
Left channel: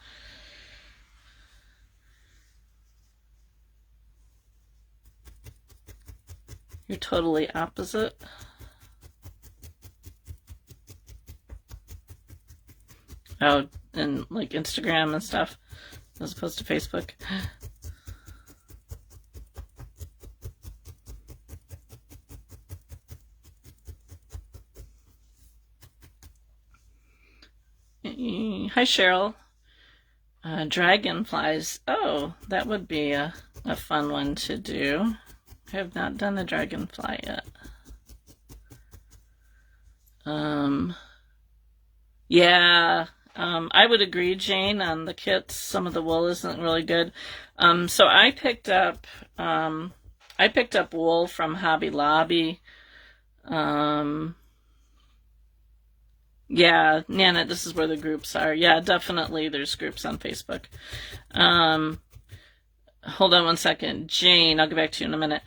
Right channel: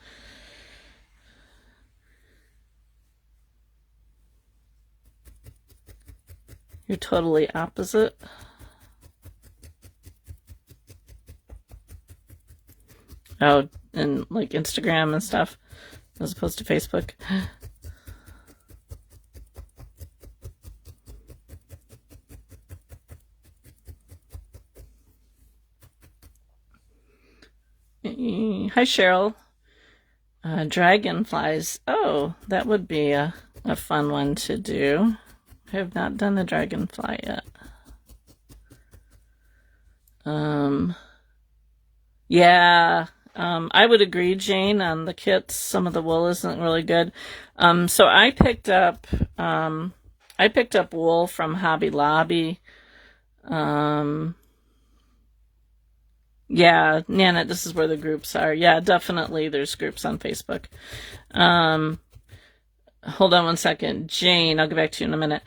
You're totally opposite. Oh, and like Instagram and stuff, as opposed to Facebook. Hi, Cheryl. Dragonflies. Oh, that would be a fun one to do. I have not done the dragonfly yet. Yeah, I would agree, Jane, on the kits. Some of the wool isn't really good. So I picked up wool from Hobby Lobby. Yeah, Nana, this is where the groups are. Yeah, definitely there's groups on Facebook. Hold on one second. Jane, I'll get back to you in a minute.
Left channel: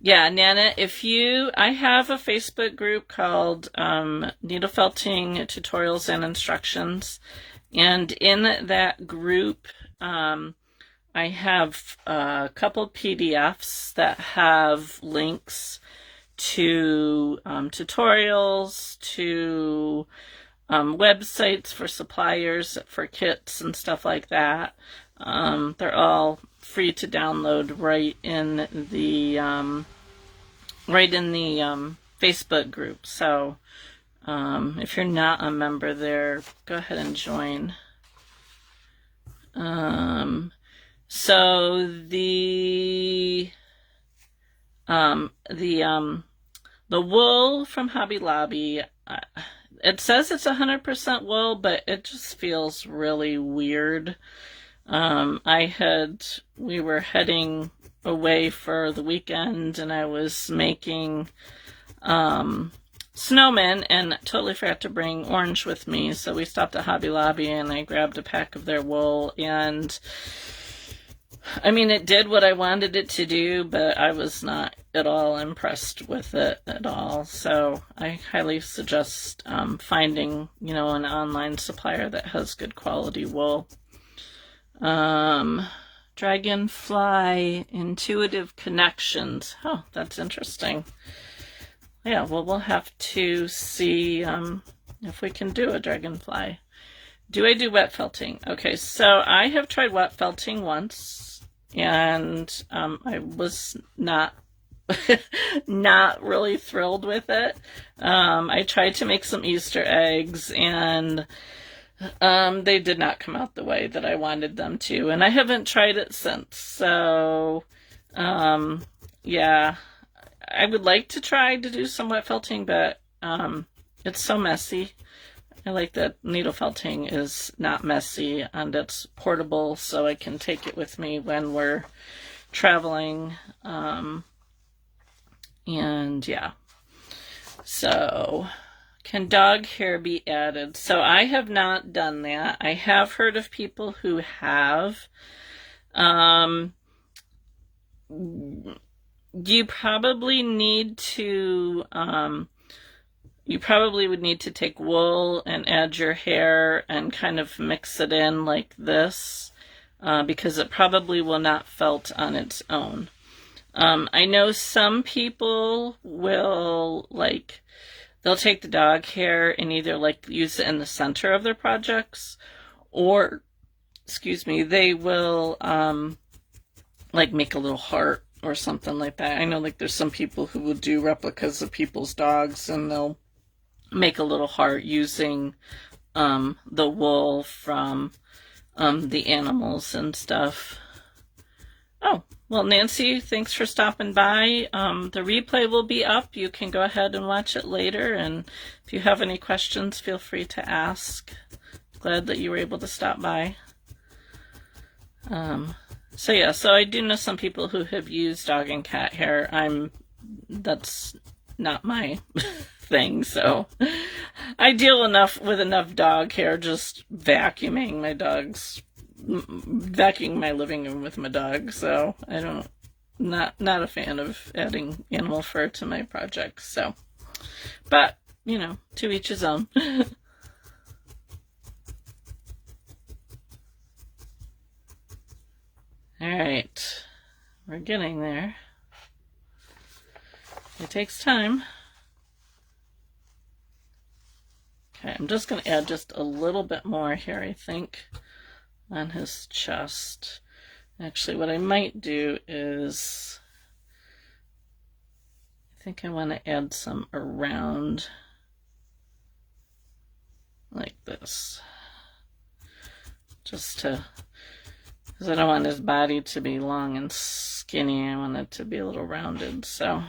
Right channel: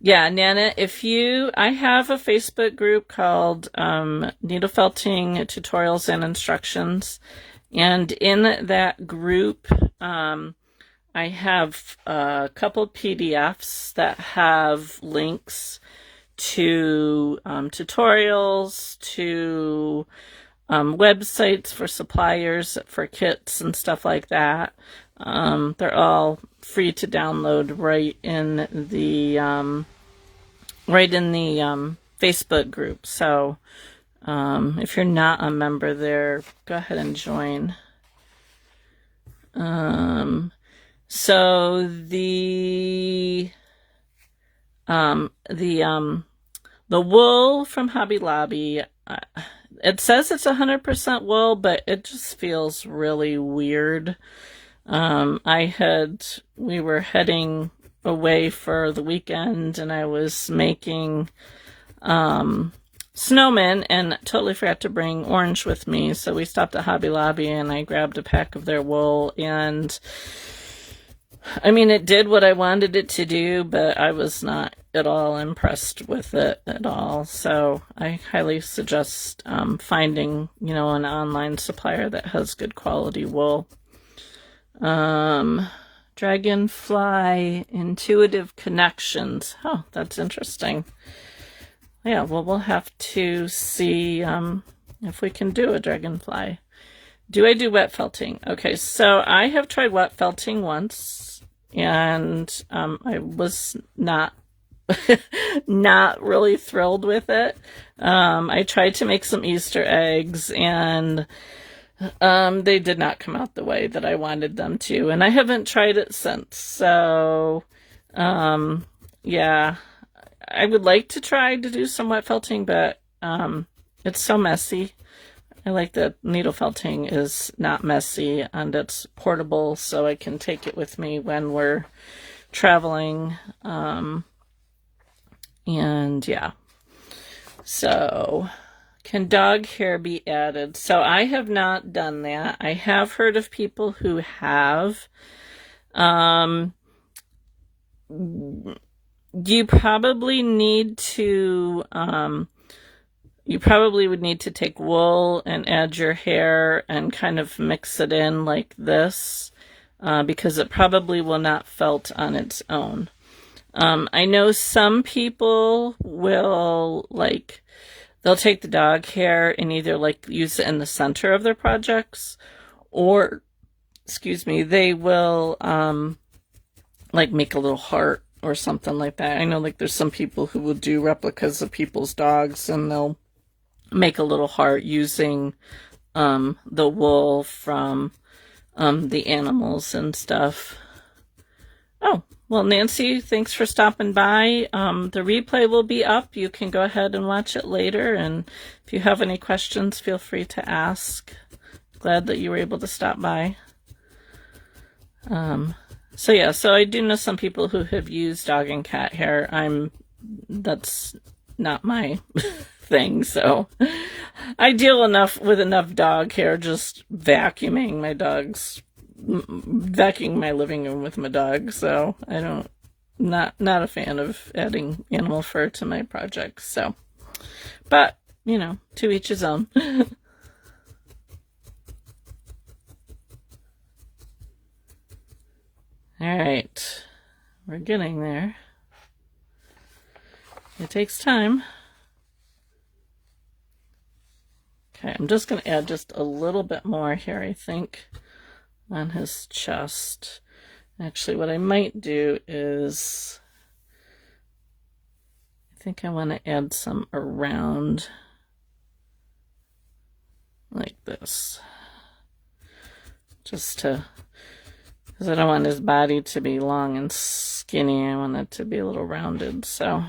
Yeah, Nana, I have a Facebook group called Needle Felting Tutorials and Instructions. And in that group, I have a couple PDFs that have links to tutorials, to websites for suppliers for kits and stuff like that. They're all free to download right in the Facebook group. So if you're not a member there, go ahead and join. So the wool from Hobby Lobby, it says it's 100% wool, but it just feels really weird. We were heading away for the weekend, and I was making snowmen and totally forgot to bring orange with me. So we stopped at Hobby Lobby and I grabbed a pack of their wool, and I mean, it did what I wanted it to do, but I was not at all impressed with it at all. So I highly suggest finding, an online supplier that has good quality wool. Dragonfly Intuitive Connections. Oh, that's interesting. Yeah, well, we'll have to see if we can do a dragonfly. Do I do wet felting? Okay, so I have tried wet felting once, and I was not not really thrilled with it. I tried to make some Easter eggs, and they did not come out the way that I wanted them to, and I haven't tried it since. So, yeah, I would like to try to do some wet felting, but it's so messy. I like that needle felting is not messy and it's portable, so I can take it with me when we're traveling. And yeah, so can dog hair be added? So I have not done that. I have heard of people who have. Um, you probably need to, you probably would need to take wool and add your hair and kind of mix it in like this, because it probably will not felt on its own. I know some people will, like, they'll take the dog hair and either like use it in the center of their projects, or, excuse me, they will like make a little heart or something like that. I know, like, there's some people who will do replicas of people's dogs and they'll make a little heart using the wool from the animals and stuff. Oh, well, Nancy, thanks for stopping by. The replay will be up. You can go ahead and watch it later, and if you have any questions, feel free to ask. Glad that you were able to stop by. So yeah, so I do know some people who have used dog and cat hair. That's not my thing, so I deal with enough dog hair just vacuuming my living room with my dog, so not a fan of adding animal fur to my projects, so, but, you know, to each his own. All right, we're getting there. It takes time. Okay, I'm just going to add just a little bit more here, I think, on his chest. Actually, what I might do is, I think I want to add some around like this, just to, because I don't want his body to be long and skinny. I want it to be a little rounded, so.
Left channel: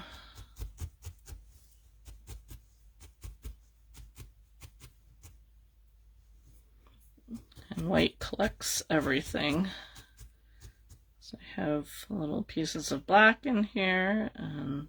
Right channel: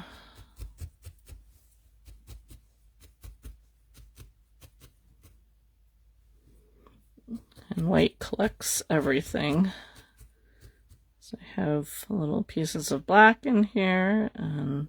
And white collects everything. So I have little pieces of black in here, and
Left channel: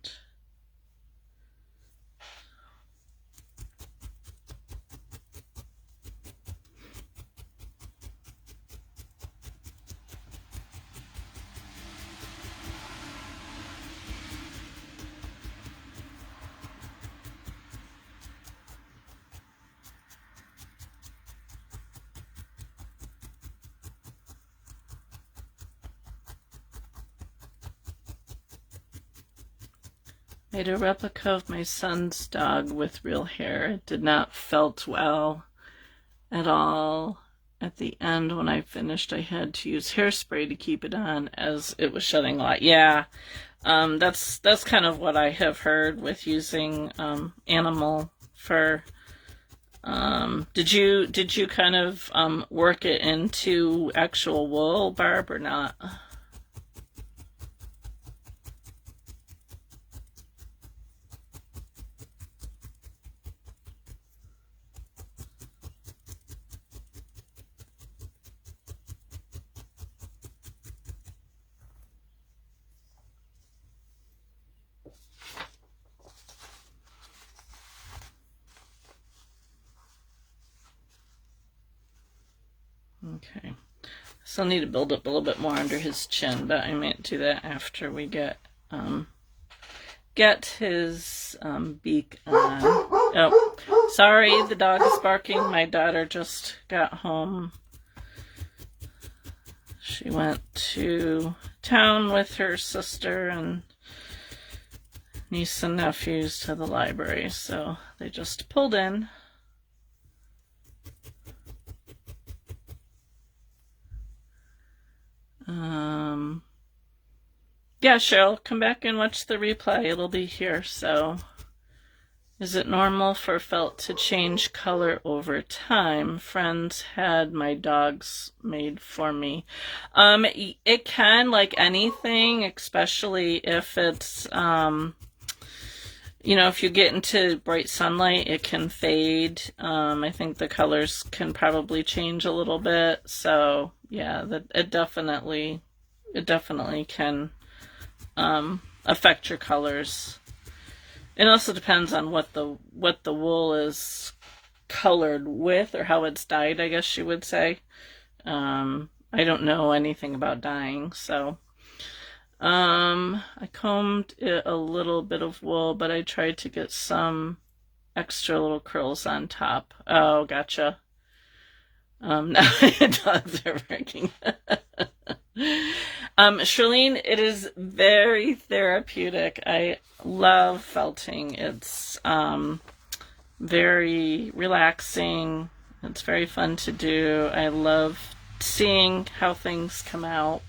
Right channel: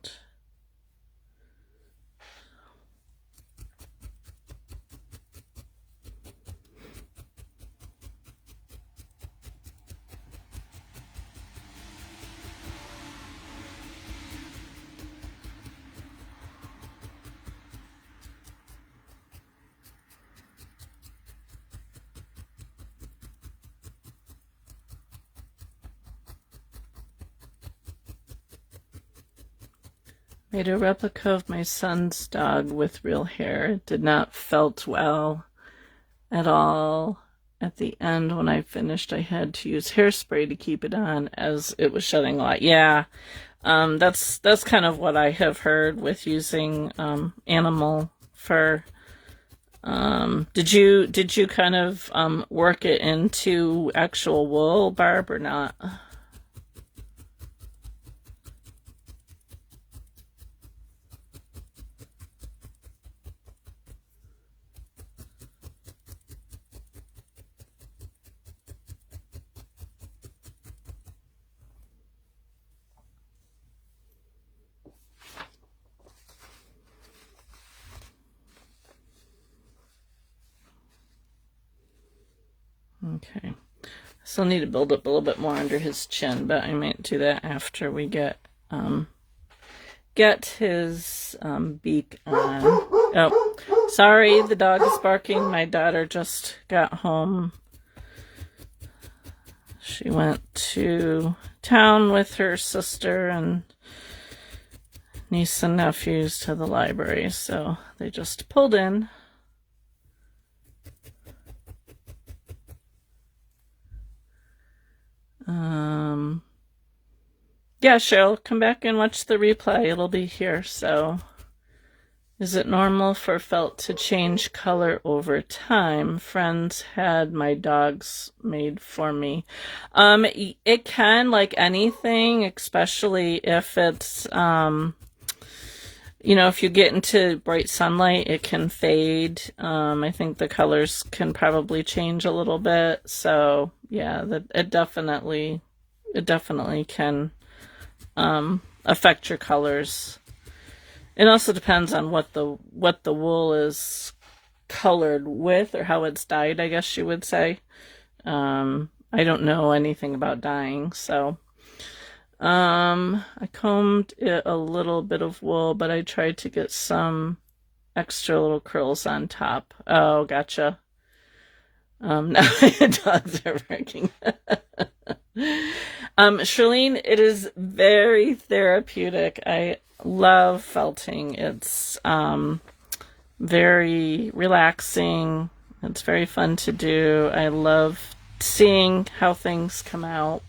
made a replica of my son's dog with real hair. It did not felt well at all. At the end, when I finished, I had to use hairspray to keep it on as it was shedding a lot. Yeah, that's kind of what I have heard with using animal fur. Did you kind of work it into actual wool, Barb, or not? Okay, still need to build up a little bit more under his chin, but I might do that after we get his beak on. Oh, sorry, the dog is barking. My daughter just got home. She went to town with her sister and niece and nephews to the library, so they just pulled in. Yeah, Cheryl, come back and watch the replay. It'll be here. So, is it normal for felt to change color over time? Friends had my dogs made for me. It can, like anything, especially if it's, you know, if you get into bright sunlight, it can fade. I think the colors can probably change a little bit. So, yeah, it definitely can affect your colors. It also depends on what the wool is colored with, or how it's dyed, I guess you would say. I don't know anything about dyeing, so I combed it a little bit of wool, but I tried to get some extra little curls on top. Oh, gotcha. Dogs are working. Charlene, it is very therapeutic. I love felting. It's very relaxing. It's very fun to do. I love seeing how things come out.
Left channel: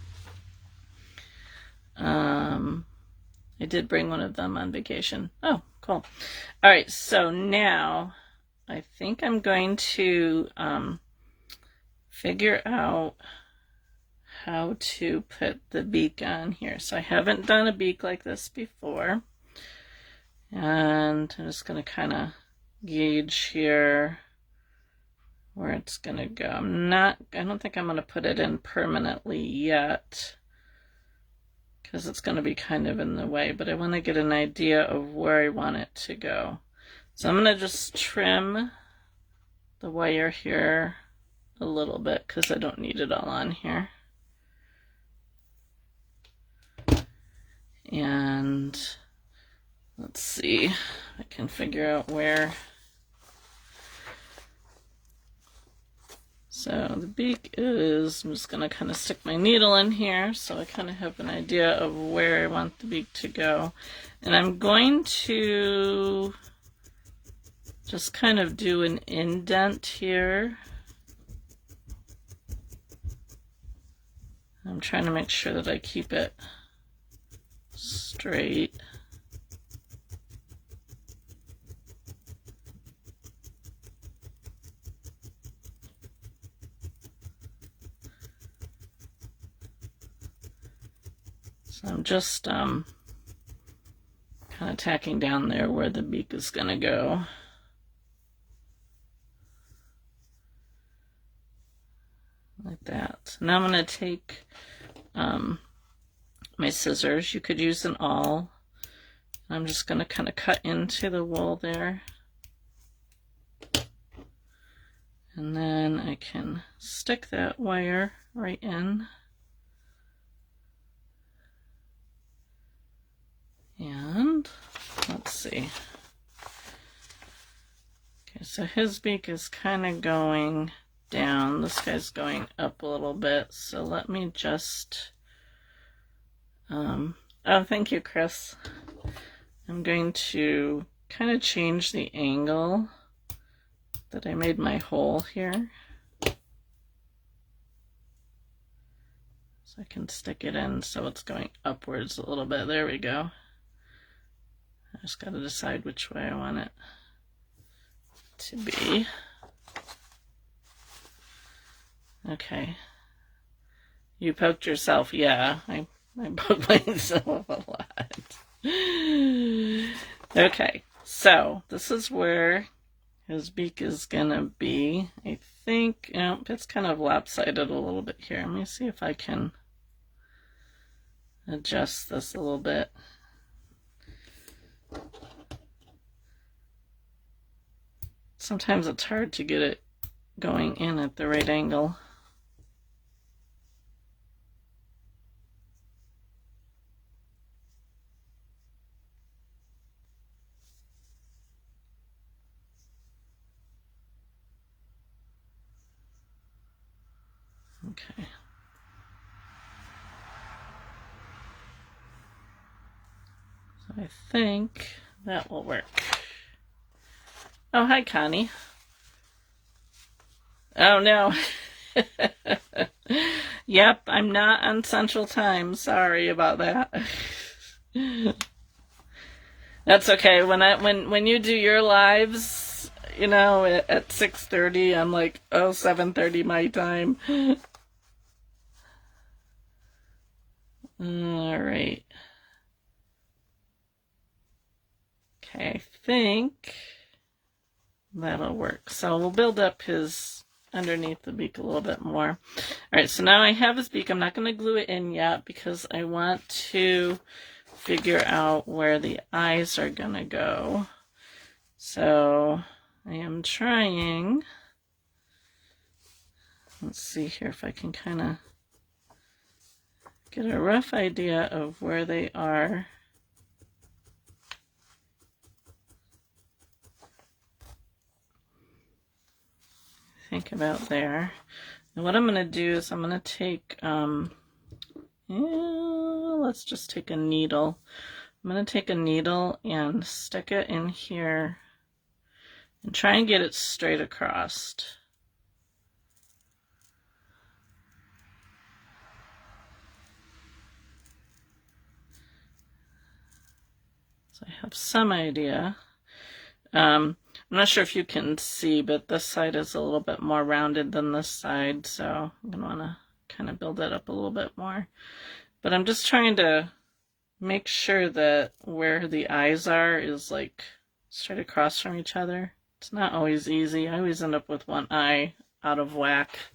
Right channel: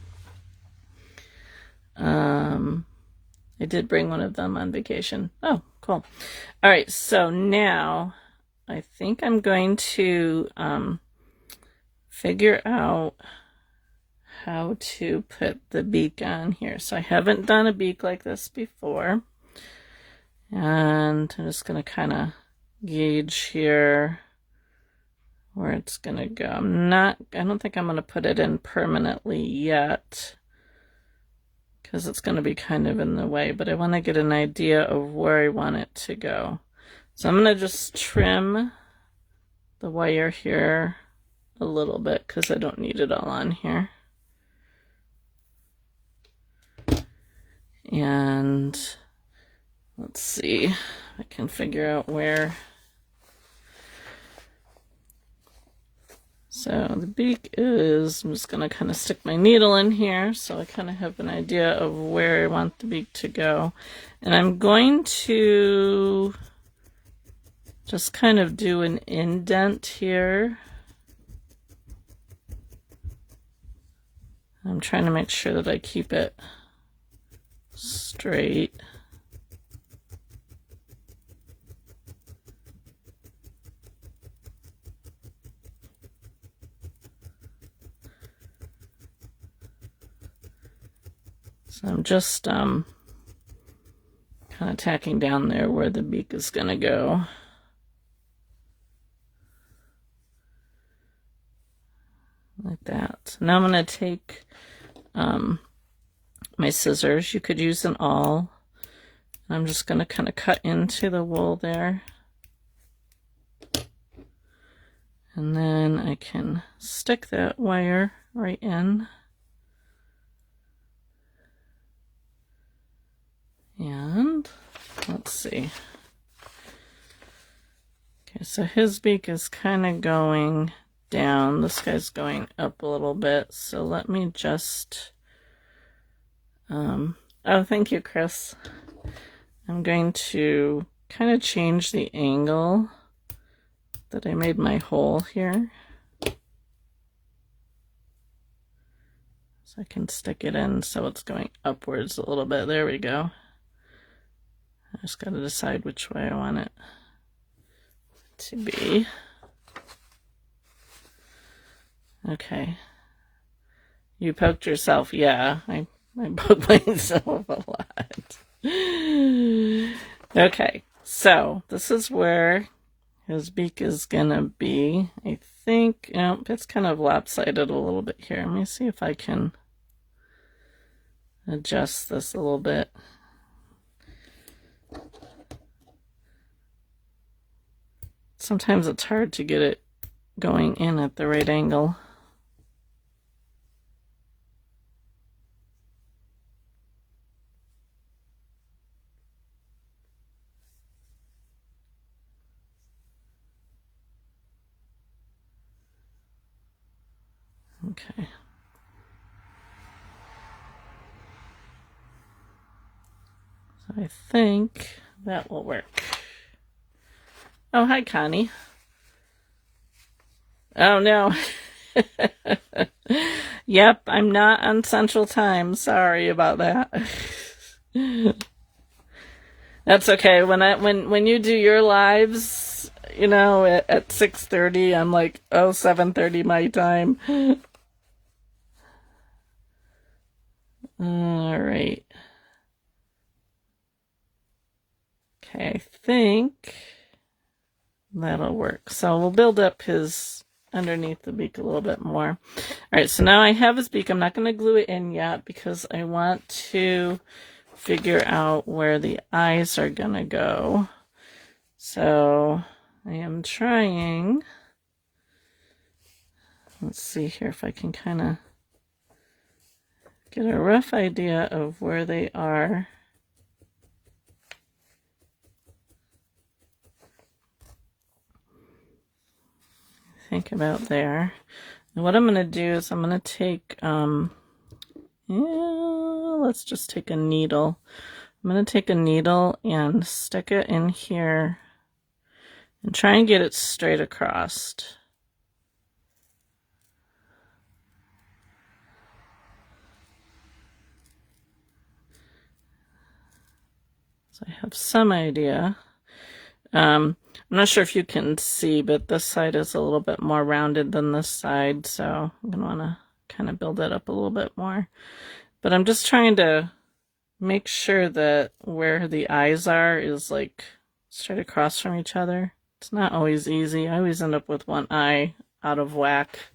I did bring one of them on vacation. Oh, cool. All right, so now I think I'm going to figure out how to put the beak on here. So I haven't done a beak like this before. And I'm just going to kind of gauge here where it's going to go. I don't think I'm going to put it in permanently yet, because it's going to be kind of in the way, but I want to get an idea of where I want it to go. So I'm going to just trim the wire here a little bit because I don't need it all on here. And let's see if I can figure out where. So the beak is, I'm just going to kind of stick my needle in here so I kind of have an idea of where I want the beak to go. And I'm going to just kind of do an indent here. I'm trying to make sure that I keep it straight. So I'm just kind of tacking down there where the beak is going to go. Like that. Now I'm going to take my scissors. You could use an awl. I'm just going to kind of cut into the wool there. And then I can stick that wire right in. And let's see. Okay, so his beak is kind of going down. This guy's going up a little bit. So let me just, oh, thank you, Chris. I'm going to kind of change the angle that I made my hole here. So I can stick it in so it's going upwards a little bit. There we go. I just got to decide which way I want it to be. Okay. You poked yourself. Yeah, I poked myself a lot. Okay, so this is where his beak is going to be. I think, you know, it's kind of lopsided a little bit here. Let me see if I can adjust this a little bit. Sometimes it's hard to get it going in at the right angle. Okay. So I think that will work. Oh, hi, Connie. Oh, no. Yep, I'm not on Central Time. Sorry about that. That's okay. When you do your lives, you know, at 6:30, I'm like, oh, 7:30 my time. All right. Okay, I think that'll work. So we'll build up his underneath the beak a little bit more. All right, so now I have his beak. I'm not going to glue it in yet because I want to figure out where the eyes are going to go. So I am trying. Let's see here if I can kind of get a rough idea of where they are. Think about there. And what I'm going to do is I'm going to take, let's just take a needle. I'm going to take a needle and stick it in here and try and get it straight across. So I have some idea. I'm not sure if you can see, but this side is a little bit more rounded than this side, so I'm going to want to kind of build it up a little bit more. But I'm just trying to make sure that where the eyes are is like straight across from each other. It's not always easy. I always end up with one eye out of whack.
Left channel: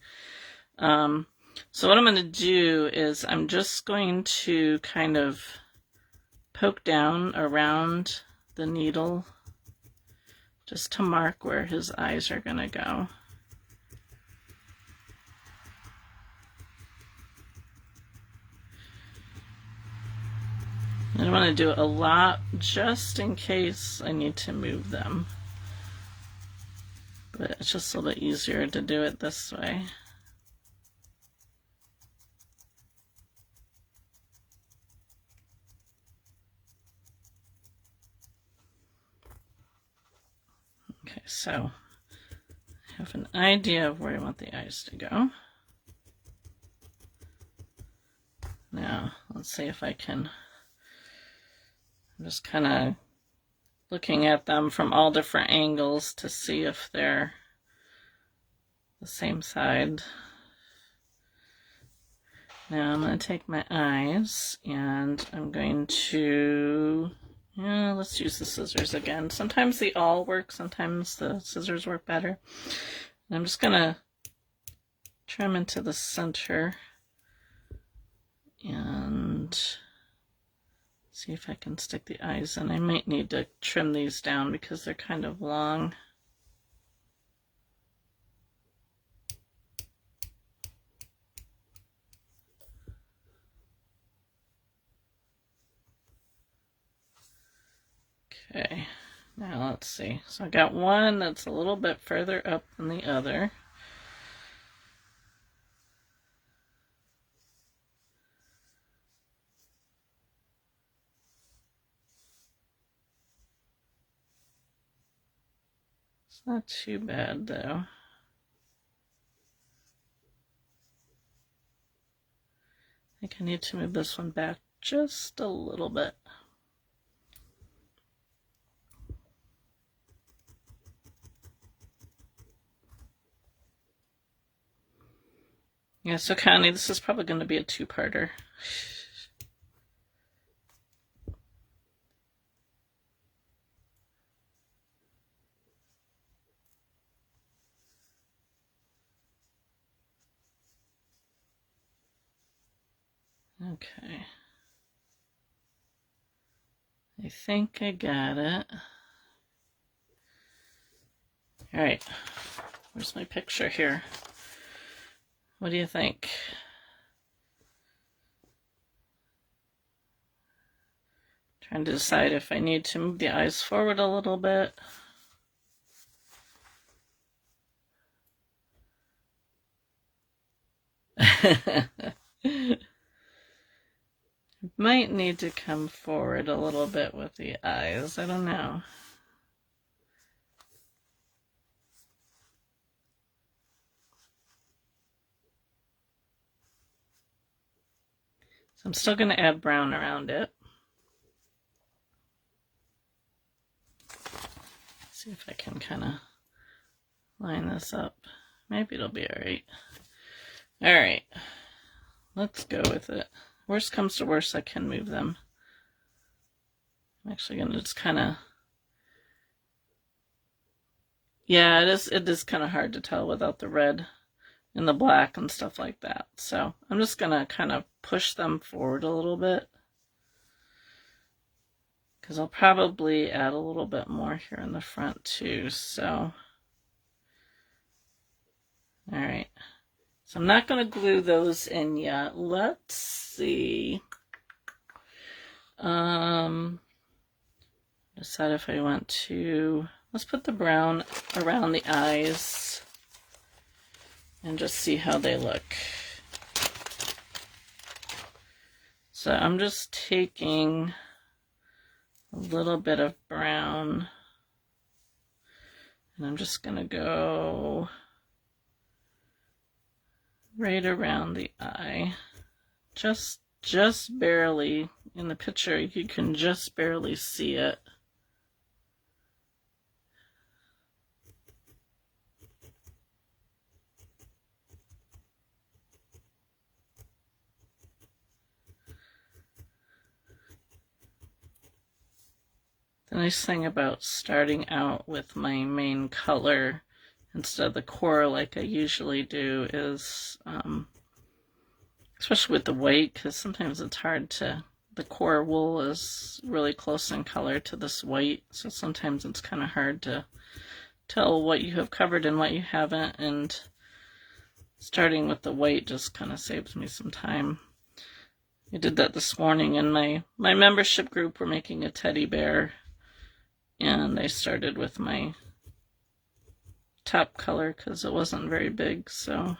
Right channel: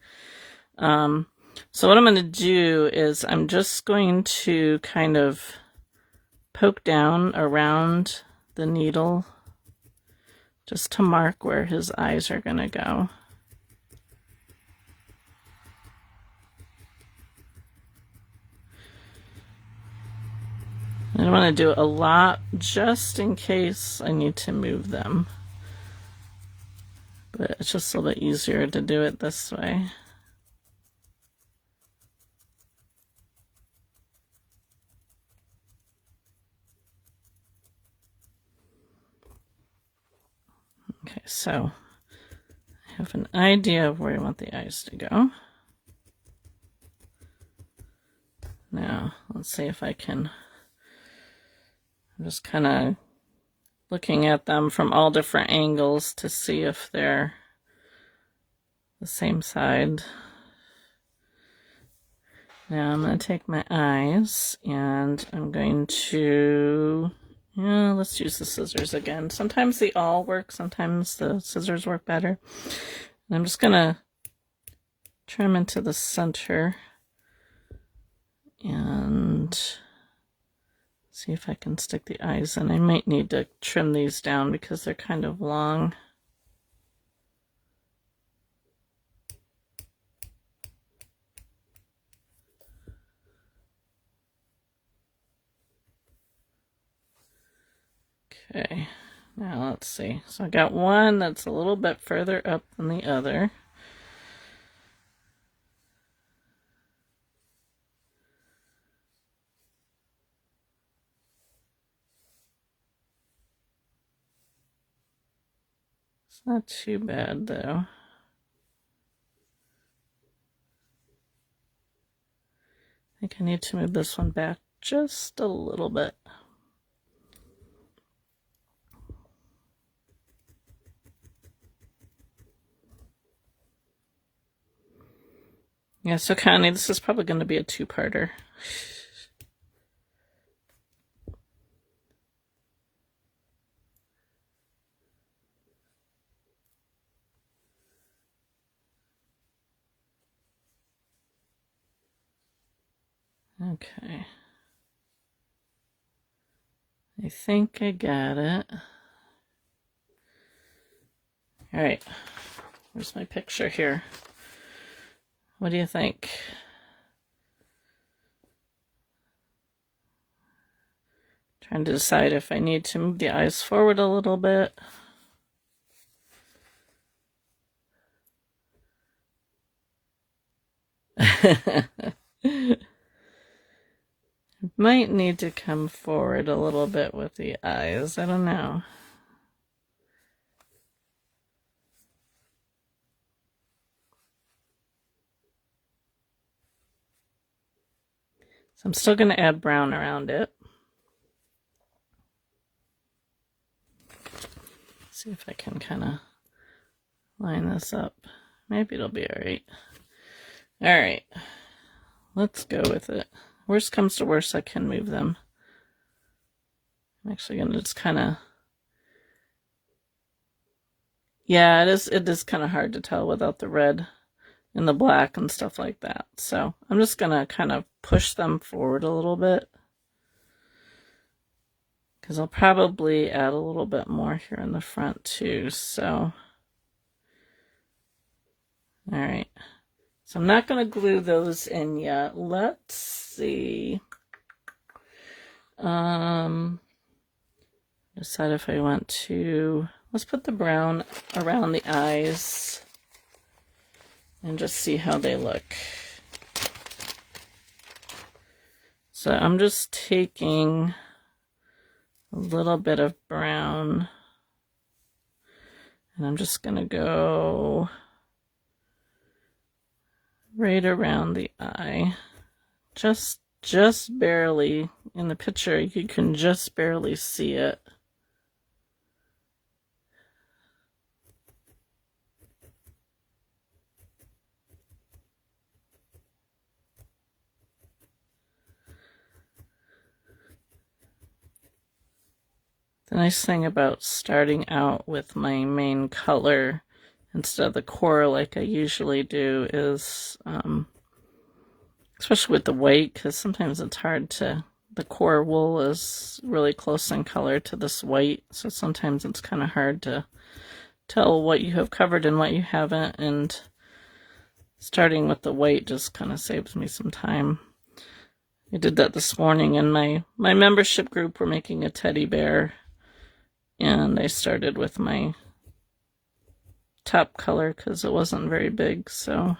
So what I'm going to do is I'm just going to kind of poke down around the needle just to mark where his eyes are going to go. I want to do a lot just in case I need to move them. But it's just a little bit easier to do it this way. Okay, so I have an idea of where I want the eyes to go. Now, let's see if I can, I'm just kind of looking at them from all different angles to see if they're the same side. Now I'm going to take my eyes and I'm going to, let's use the scissors again. Sometimes they all work, sometimes the scissors work better. And I'm just going to turn them into the center and see if I can stick the eyes in. I might need to trim these down because they're kind of long. Okay, now let's see. So I got one that's a little bit further up than the other. It's not too bad though. I think I need to move this one back just a little bit. Yeah, so Connie, this is probably going to be a two-parter. Okay. I think I got it. All right. Where's my picture here? What do you think? Trying to decide if I need to move the eyes forward a little bit. Might need to come forward a little bit with the eyes. I don't know. So I'm still going to add brown around it. See if I can kind of line this up. Maybe it'll be all right. All right. Let's go with it. Worst comes to worst, I can move them. I'm actually going to just kind of... Yeah, it is kind of hard to tell without the red and the black and stuff like that. So I'm just going to kind of push them forward a little bit, because I'll probably add a little bit more here in the front too. So, all right. So I'm not going to glue those in yet. Let's see. Decide if I want to, let's put the brown around the eyes and just see how they look. So I'm just taking a little bit of brown and I'm just going to go right around the eye. Just barely. In the picture, you can just barely see it. The nice thing about starting out with my main color instead of the core like I usually do is, especially with the white, because sometimes it's hard to, the core wool is really close in color to this white, so sometimes it's kind of hard to tell what you have covered and what you haven't, and starting with the white just kind of saves me some time. I did that this morning in my membership group. We're making a teddy bear, and I started with my top color because it wasn't very big, so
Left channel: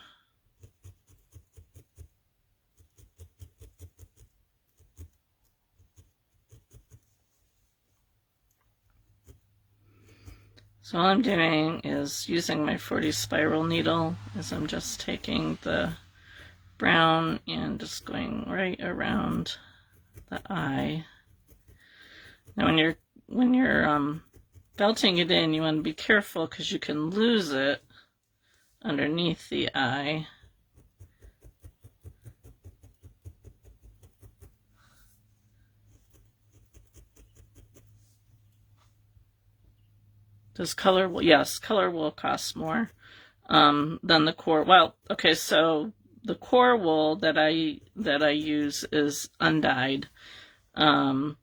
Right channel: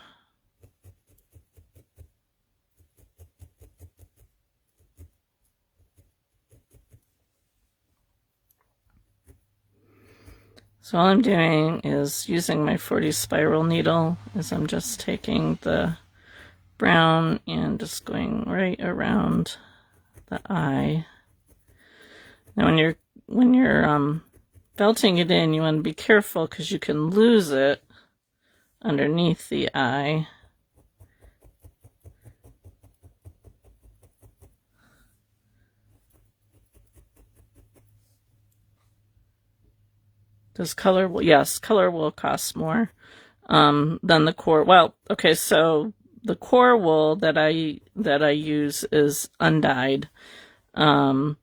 all I'm doing is using my 40 spiral needle, as I'm just taking the brown and just going right around the eye. Now when you're belting it in, you want to be careful because you can lose it underneath the eye. Does color, yes, color will cost more than the core. Well, okay, so the core wool that I use is undyed, and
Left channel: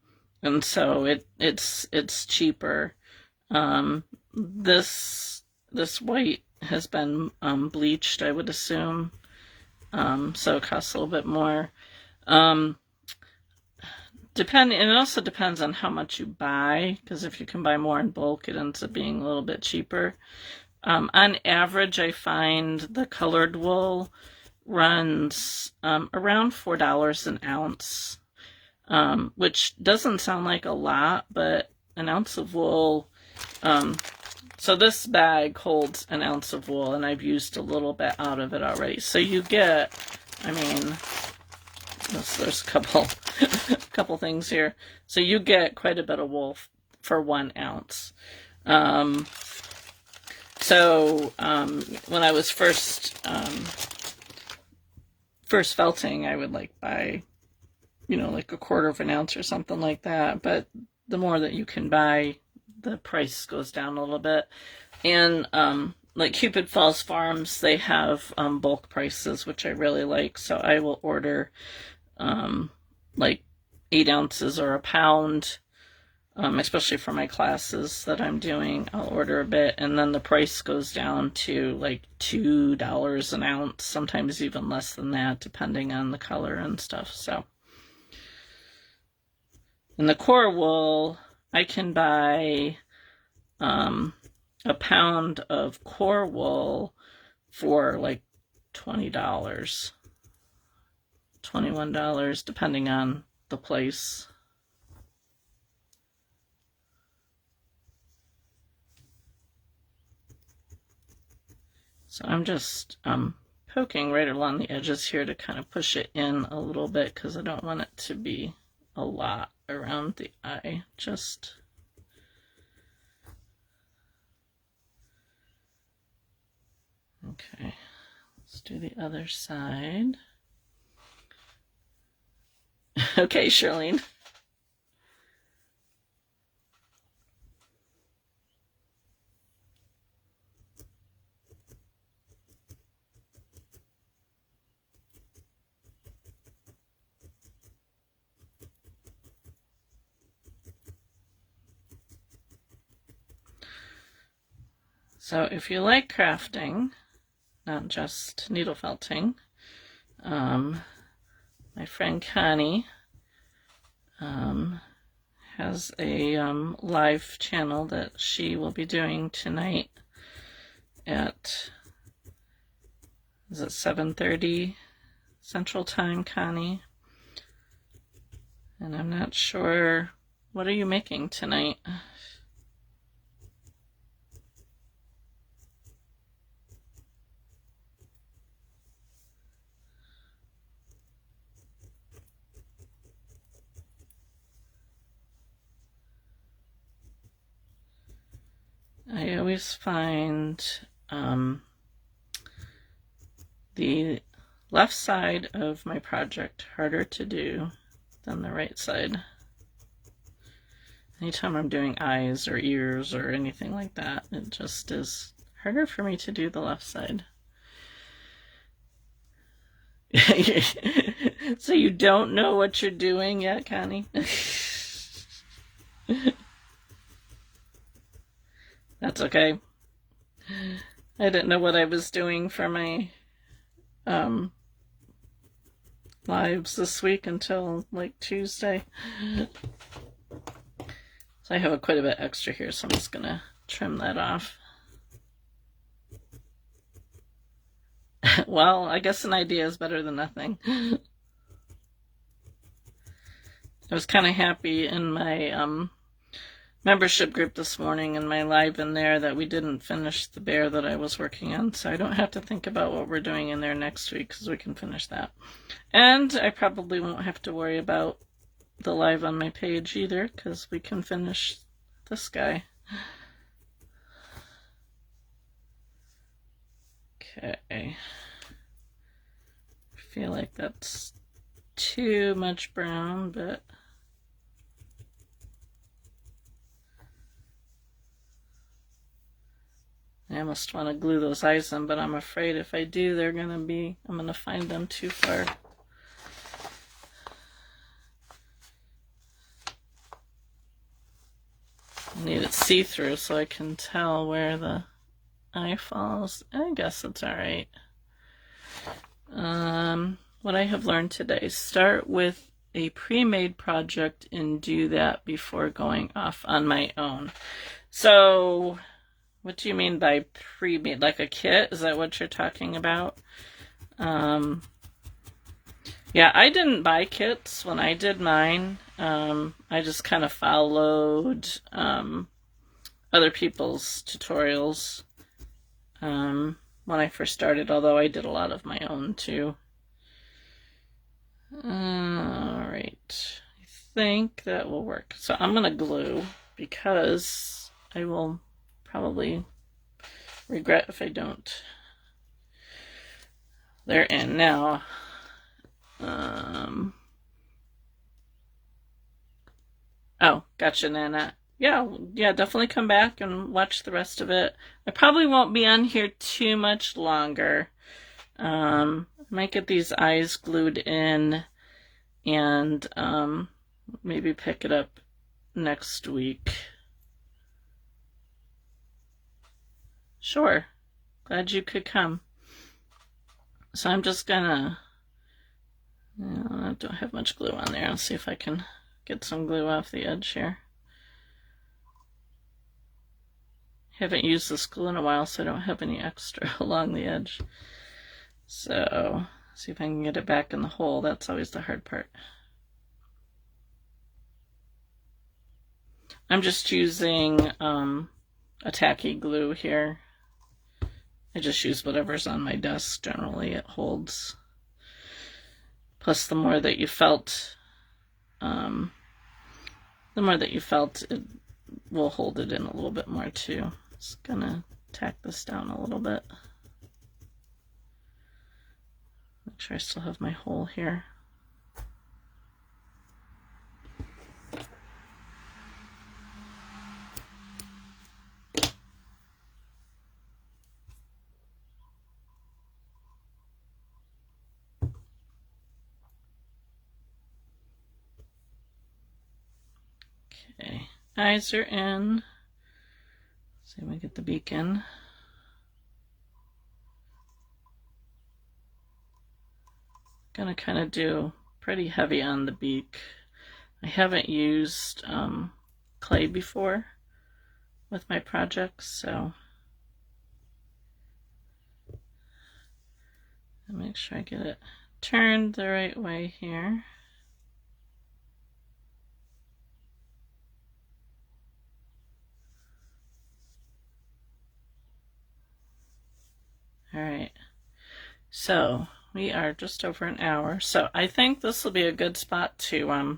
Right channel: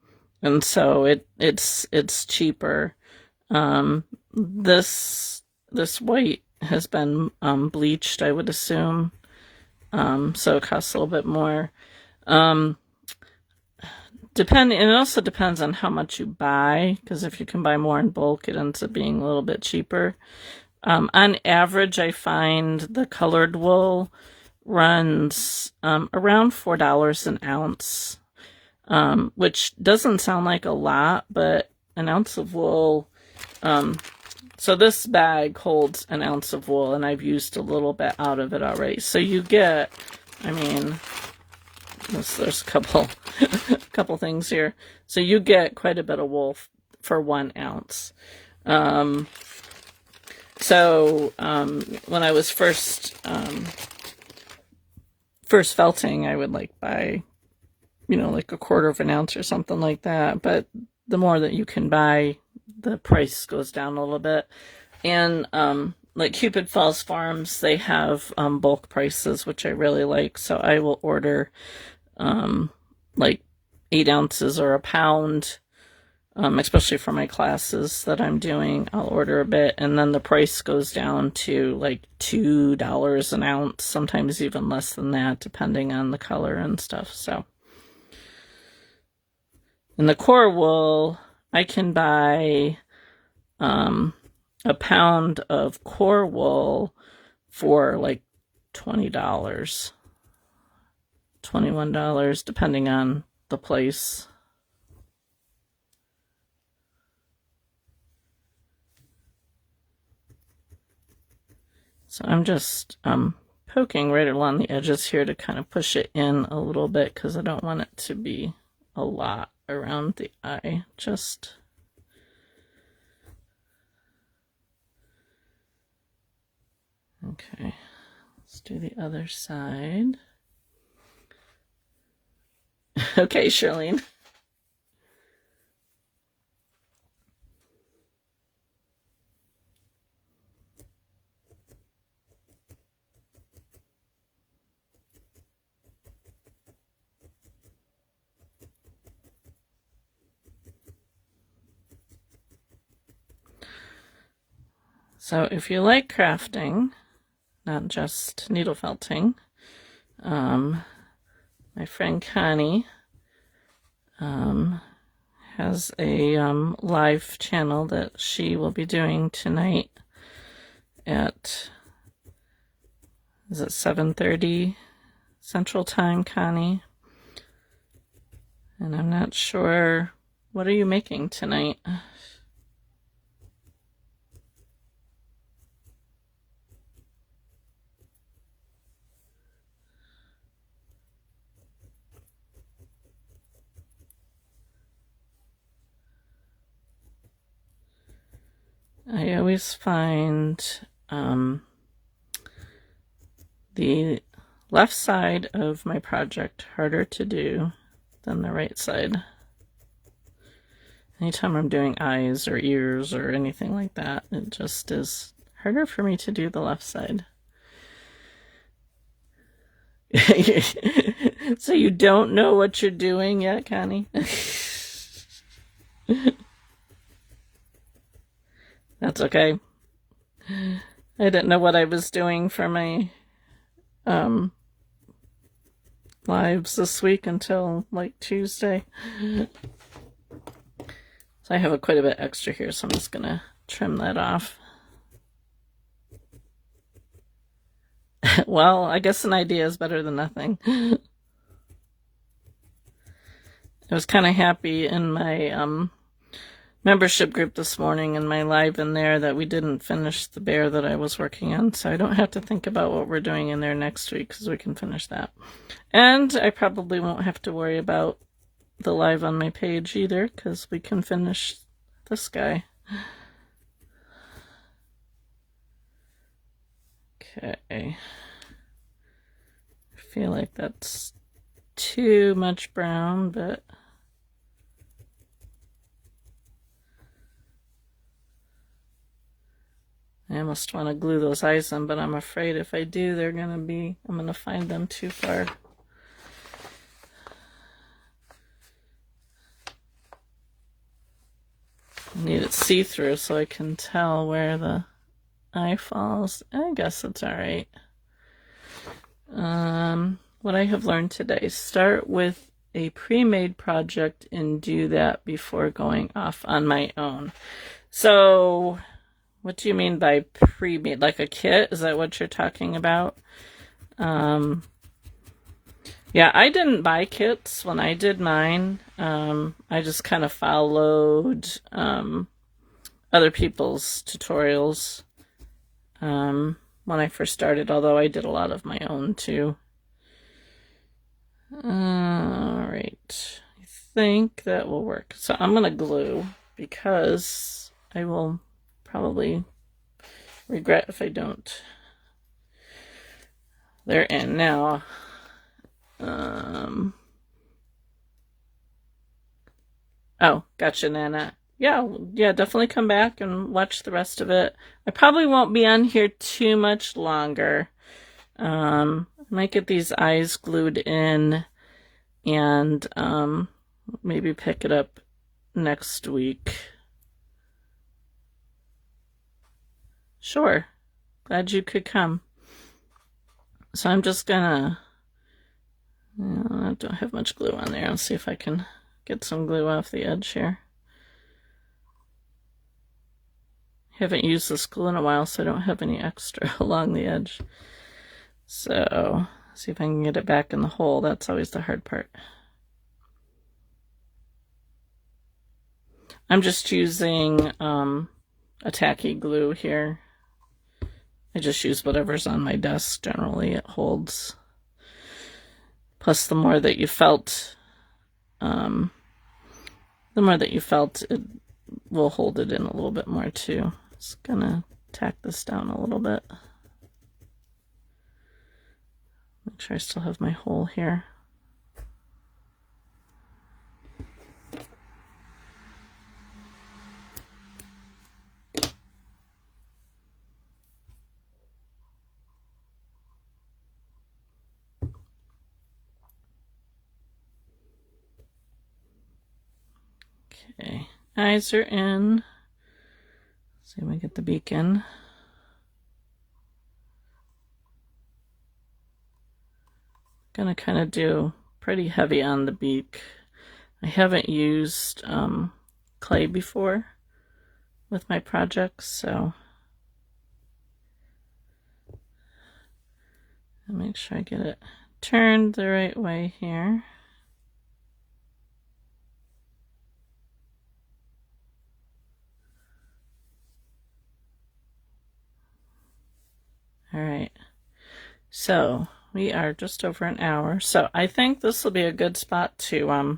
so it's cheaper. This white has been bleached, I would assume, so it costs a little bit more. It also depends on how much you buy, because if you can buy more in bulk, it ends up being a little bit cheaper. On average, I find the colored wool runs around $4 an ounce, which doesn't sound like a lot, but an ounce of wool, so this bag holds an ounce of wool, and I've used a little bit out of it already. So you get, I mean, there's a couple things here. So you get quite a bit of wool for 1 ounce. So when I was first felting, I would like buy, like a quarter of an ounce or something like that. But the more that you can buy, the price goes down a little bit. And like Cupid Falls Farms, they have bulk prices, which I really like. So I will order like 8 ounces or a pound, especially for my classes that I'm doing. I'll order a bit, and then the price goes down to like $2 an ounce, sometimes even less than that, depending on the color and stuff. So, in the core wool, I can buy a pound of core wool for like $20, $21, depending on the place. So I'm just poking right along the edges here to kind of push it in a little bit, because I don't want it to be a lot around the eye. Just okay, let's do the other side. Okay, Shirlene. So if you like crafting, not just needle felting. My friend Connie has a live channel that she will be doing tonight at, is it 7:30 Central Time, Connie? And I'm not sure, what are you making tonight? I always find the left side of my project harder to do than the right side. Anytime I'm doing eyes or ears or anything like that, it just is harder for me to do the left side. So you don't know what you're doing yet, Connie? That's okay. I didn't know what I was doing for my lives this week until like Tuesday. So I have quite a bit extra here, so I'm just gonna trim that off. Well, I guess an idea is better than nothing. I was kind of happy in my membership group this morning in my live in there that we didn't finish the bear that I was working on, so I don't have to think about what we're doing in there next week because we can finish that. And I probably won't have to worry about the live on my page either because we can finish this guy. Okay. I feel like that's too much brown, but I almost want to glue those eyes in, but I'm afraid if I do, I'm going to find them too far. I need it see-through so I can tell where the eye falls. I guess it's all right. What I have learned today, start with a pre-made project and do that before going off on my own. So what do you mean by pre-made? Like a kit? Is that what you're talking about? Yeah, I didn't buy kits when I did mine. I just kind of followed other people's tutorials when I first started, although I did a lot of my own too. Alright, I think that will work. So I'm going to glue because I will probably regret if I don't. They're in now. Oh, gotcha, Nana. Yeah, definitely come back and watch the rest of it. I probably won't be on here too much longer. Might get these eyes glued in and maybe pick it up next week. Sure. Glad you could come. So I'm just gonna, I don't have much glue on there. I'll see if I can get some glue off the edge here. Haven't used this glue in a while, so I don't have any extra along the edge. So, see if I can get it back in the hole. That's always the hard part. I'm just using a tacky glue here. I just use whatever's on my desk. Generally, it holds. Plus, the more that you felt, it will hold it in a little bit more too. Just gonna tack this down a little bit. Make sure I still have my hole here. Okay, eyes are in. See if we get the beak in. Gonna kind of do pretty heavy on the beak. I haven't used clay before with my projects, so I'll make sure I get it turned the right way here. All right, so we are just over an hour, so I think this will be a good spot to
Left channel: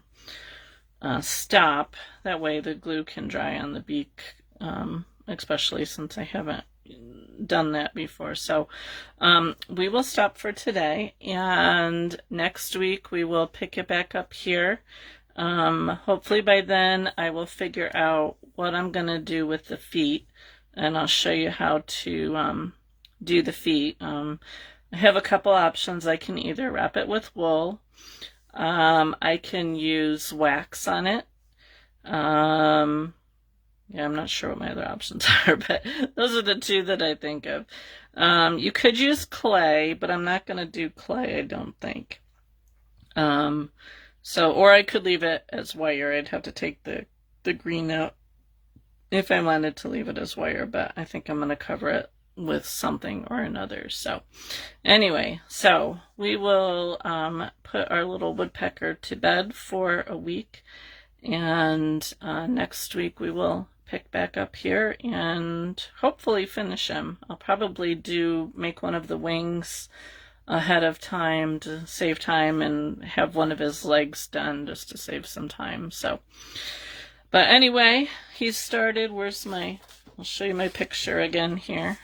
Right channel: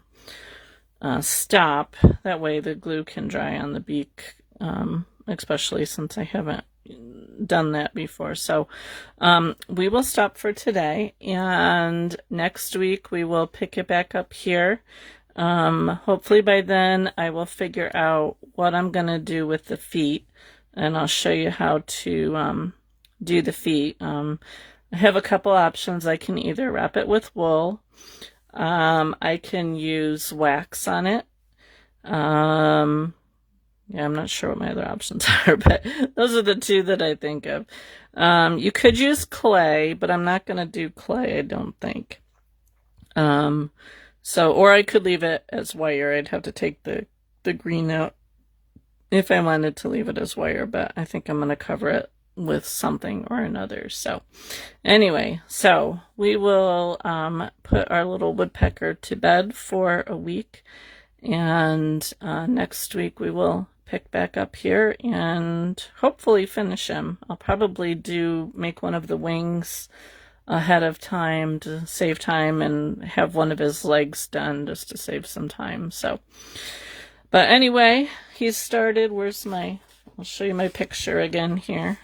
stop. That way the glue can dry on the beak, especially since I haven't done that before. So we will stop for today, and next week we will pick it back up here. Hopefully by then I will figure out what I'm going to do with the feet, and I'll show you how to do the feet. I have a couple options. I can either wrap it with wool. I can use wax on it. Yeah, I'm not sure what my other options are, but those are the two that I think of. You could use clay, but I'm not going to do clay, I don't think. Or I could leave it as wire. I'd have to take the green out if I wanted to leave it as wire, but I think I'm going to cover it with something or another. So anyway, so we will put our little woodpecker to bed for a week, and next week we will pick back up here and hopefully finish him. I'll probably make one of the wings ahead of time to save time, and have one of his legs done just to save some time. So, but anyway, he's started. I'll show you my picture again here.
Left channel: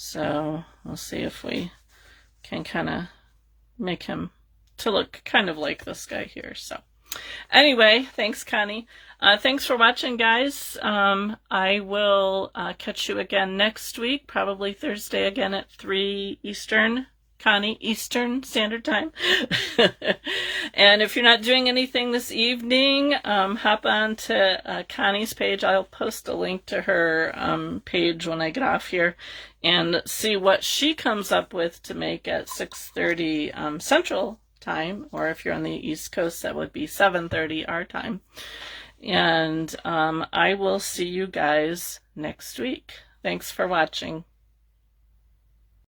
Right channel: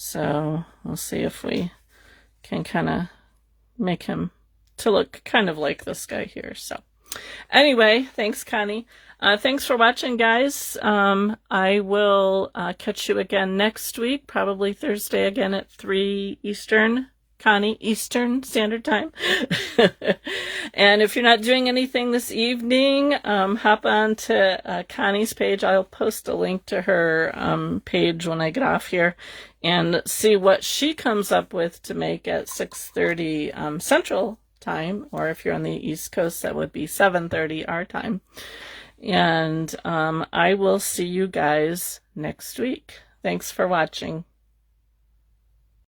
So we'll see if we can kind of make him to look kind of like this guy here. So anyway, thanks, Connie. Thanks for watching, guys. I will catch you again next week, probably Thursday again at 3 Eastern. Connie, Eastern Standard Time. And if you're not doing anything this evening, hop on to Connie's page. I'll post a link to her page when I get off here, and see what she comes up with to make at 6:30 Central Time, or if you're on the East Coast, that would be 7:30 our time. And I will see you guys next week. Thanks for watching.